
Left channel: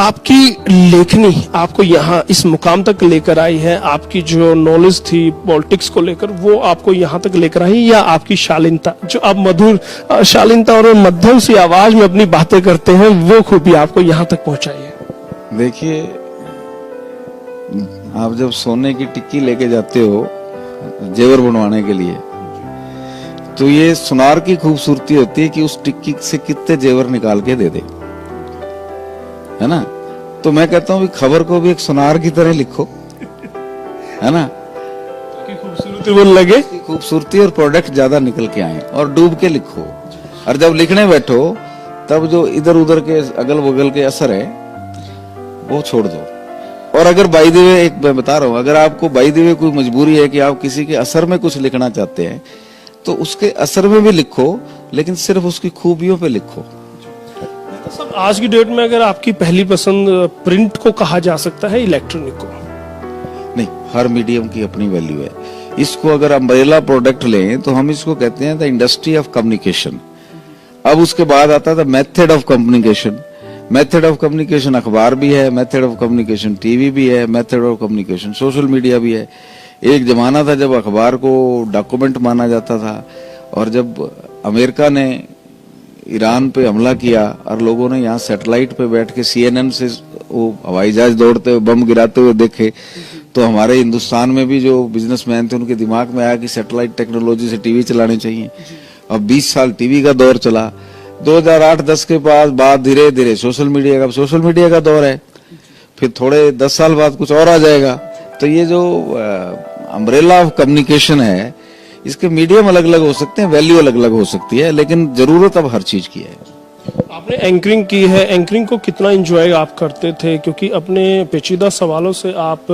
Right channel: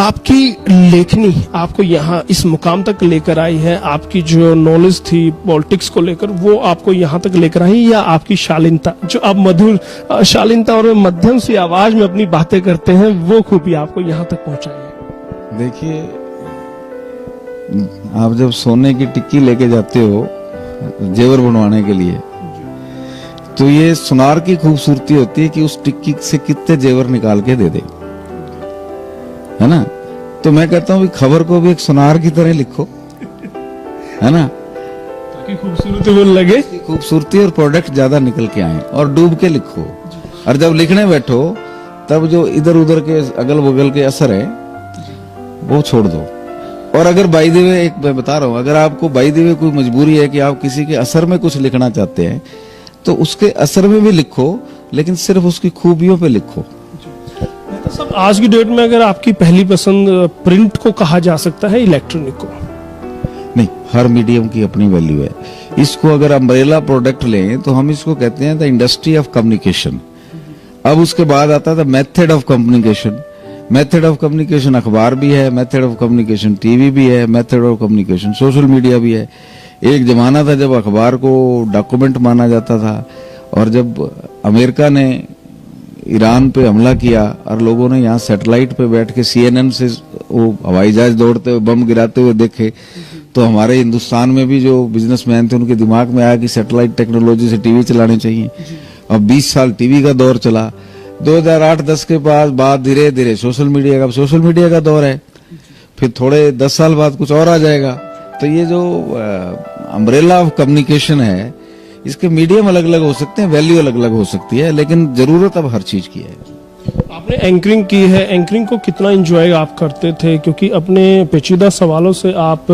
आपकी लेखनी आपको यहाँ इस मुकाम तक लेकर आई है, आपकी जो नॉलेज थी पॉलिटिक्स को लेकर वो आपको यहाँ तक लेकर आई, या आपकी शालीनता, जो आप मधुर शालीनता और मध्यम सी आवाज में अपनी बातें करते हैं, वो खूबी आपको यहाँ तक पहुंचाई है? देखिए, आप जब सोने की टिक्की लेके जाते हो जेवर बनवाने के लिए, तो ये सुनार की खूबसूरती होती है कि उस टिक्की से कितने जेवर निकाल के दे दे, है ना। तो मैं कहता हूँ खबर को भी एक सुनार की तरह लिखो, है ना, ताकि खूबसूरती वो लगे, खूबसूरती और प्रोडक्ट ज्यादा निकल के आए, और डूब के लिखो। और जब लिखने बैठो तब जो इधर उधर के अगल बगल के असर है वो छोड़ दो। और अगर बाई द वे, एक मैं बता रहा हूँ, अगर आपको बाई द वे कोई मजबूरी है कि आप किसी के असर में कुछ लिखना चाहते हैं तो उसके असर में भी लिखो, लेकिन सिर्फ उसकी खूबियों पे लिखो। तो सब आज की डेट में अगर आपकी पहली पसंद प्रिंट को कहा जा सकता है, इलेक्ट्रॉनिक को? नहीं, हर मीडियम की अपनी वैल्यू है। इसको अगर अम्ब्रेला प्रोडक्ट लें तो हम इसको कहते हैं द इंडस्ट्री ऑफ कम्युनिकेशन। अब उसके बाद आता है the method of communication. Method of communication अखबार भी है, मेथड ऑफ कम्युनिकेशन टीवी भी है, method of communication social media भी है। एक जमाना था जब अखबार को डॉक्यूमेंट माना जाता था, और जब अमेरिका ने ईरान पे हमला किया और लोगों ने यहाँ सैटेलाइट पे बैठ के CNN से वो हवाई जहाज दौड़ते हुए बम गिराते हुए देखे, तो हमारे हिंदुस्तान में भी जो बिजनेसमैन थे उनके दिमाग में आया कि सैटेलाइट टेक्नोलॉजी से टीवी चलाने चाहिए। अब 20 साल टीवी का दौर चला। 2008-10 के बाद धीरे धीरे सोशल मीडिया का दौर है। फिर थोड़े 10 साल बाद कुछ और आ जाएगा। तो ये जो अम्ब्रेला ऑफ कम्युनिकेशन है, इसके मीडियम अलग अलग हो सकते हैं, वैल्यू अलग अलग हो सकती है, लेकिन जरूरत अब हर चीज की है। आपने एंकरिंग की है, एंकरिंग को कितना एंजॉय आप करते थे? क्योंकि अपने पेचीदा सवालों से आप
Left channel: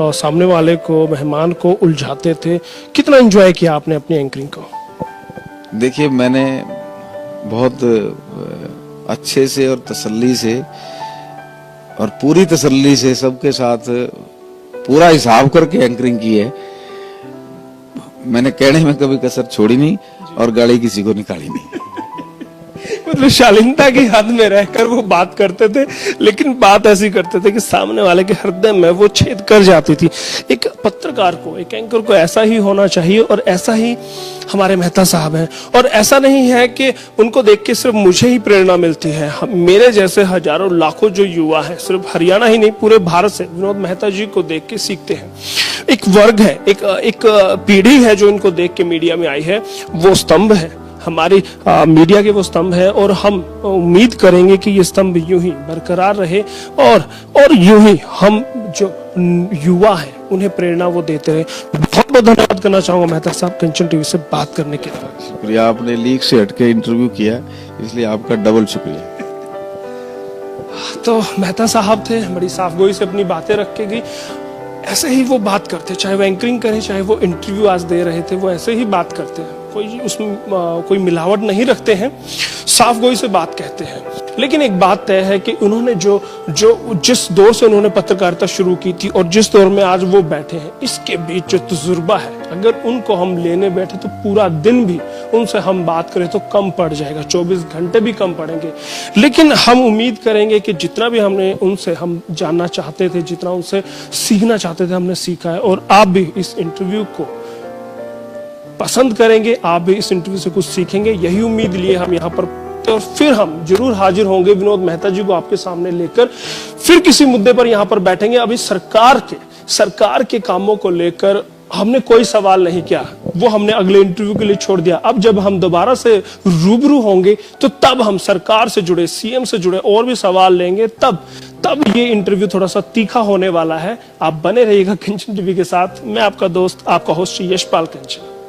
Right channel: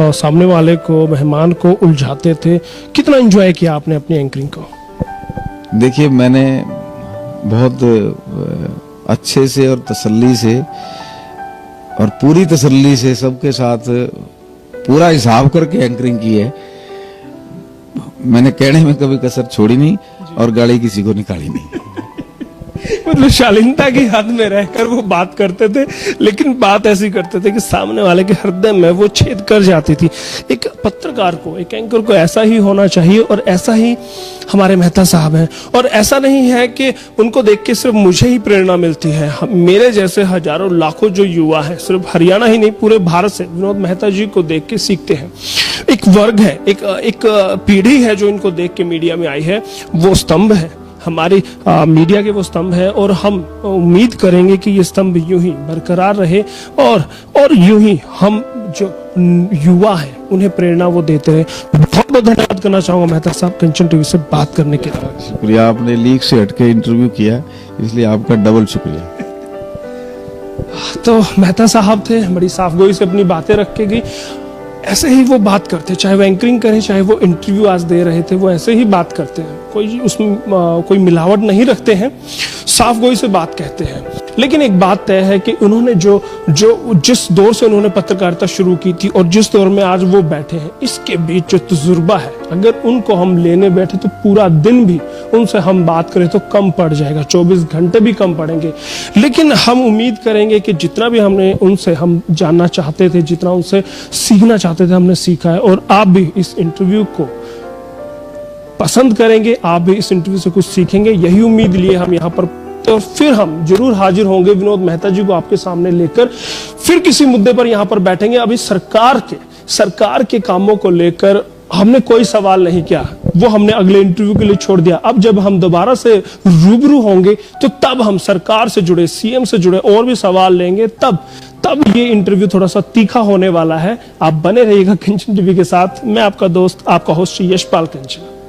सामने वाले को, मेहमान को उलझाते थे। कितना एंजॉय किया आपने अपनी एंकरिंग को? देखिए, मैंने बहुत अच्छे से और तसल्ली से और पूरी तसल्ली से सबके साथ पूरा हिसाब करके एंकरिंग की है। मैंने कहने में कभी कसर छोड़ी नहीं और गाड़ी किसी को निकाली नहीं। मतलब शालीनता की हद में रहकर वो बात करते थे, लेकिन बात ऐसी करते थे कि सामने वाले के हृदय में वो छेद कर जाती थी। एक पत्रकार को, एक एंकर को ऐसा ही होना चाहिए, और ऐसा ही हमारे मेहता साहब हैं। और ऐसा नहीं है कि उनको देख के सिर्फ मुझे ही प्रेरणा मिलती है, मेरे जैसे हजारों लाखों जो युवा है, सिर्फ हरियाणा ही नहीं पूरे भारत से विनोद मेहता जी को देख के सीखते हैं। एक वर्ग है, एक पीढ़ी है जो इनको देख के मीडिया में आई है, वो स्तंभ है हमारी मीडिया के, वो स्तंभ है। और हम उम्मीद करेंगे कि ये स्तंभ यूं ही बरकरार रहे, और यूं ही हम जो युवा हैं उन्हें प्रेरणा वो देते रहे। बहुत बहुत धन्यवाद करना चाहूंगा मेहता साहब कंचन टीवी से बात करने के लिए। शुक्रिया, आपने लीक से हटके इंटरव्यू किया, इसलिए आपका डबल शुक्रिया। तो मेहता साहब थे, बड़ी साफगोई से अपनी बातें रख के गई। ऐसे ही वो बात करते, चाहे वो एंकरिंग करें, चाहे वो इंटरव्यू आज दे रहे थे, वो ऐसे ही बात करते हैं। कोई उसमें कोई मिलावट नहीं रखते हैं, साफ गोई से बात कहते हैं। लेकिन एक बात तय है कि उन्होंने जो जिस दौर से उन्होंने पत्रकारिता शुरू की थी और जिस दौर में आज वो बैठे हैं, इसके बीच जो तजुर्बा है, अगर उनको हम लेने बैठे तो पूरा दिन भी उनसे हम बात करें तो कम पड़ जाएगा, 24 घंटे भी कम पड़ेंगे। लेकिन हम उम्मीद करेंगे कि जितना भी हमने उनसे हम जानना चाहते थे, जितना उनसे सीखना चाहते थे, हमने सीखा है। और आप भी इस इंटरव्यू को पसंद करेंगे, आप भी इस इंटरव्यू से कुछ सीखेंगे, यही उम्मीद लिए हम यहाँ पर। तो फिर हम जरूर हाजिर होंगे विनोद मेहता जी को आपके सामने लेकर, फिर किसी मुद्दे पर यहाँ पर बैठेंगे। अभी सरकार के कामों को लेकर हमने कोई सवाल नहीं किया। वो हमने अगले इंटरव्यू के लिए छोड़ दिया। अब जब हम दोबारा से रूबरू होंगे तो तब हम सरकार से जुड़े, सीएम से जुड़े और भी सवाल लेंगे। तब ये इंटरव्यू थोड़ा सा तीखा होने वाला है। आप बने रहिएगा कंचन टीवी के साथ। मैं आपका दोस्त, आपका होस्ट यशपाल कंचन।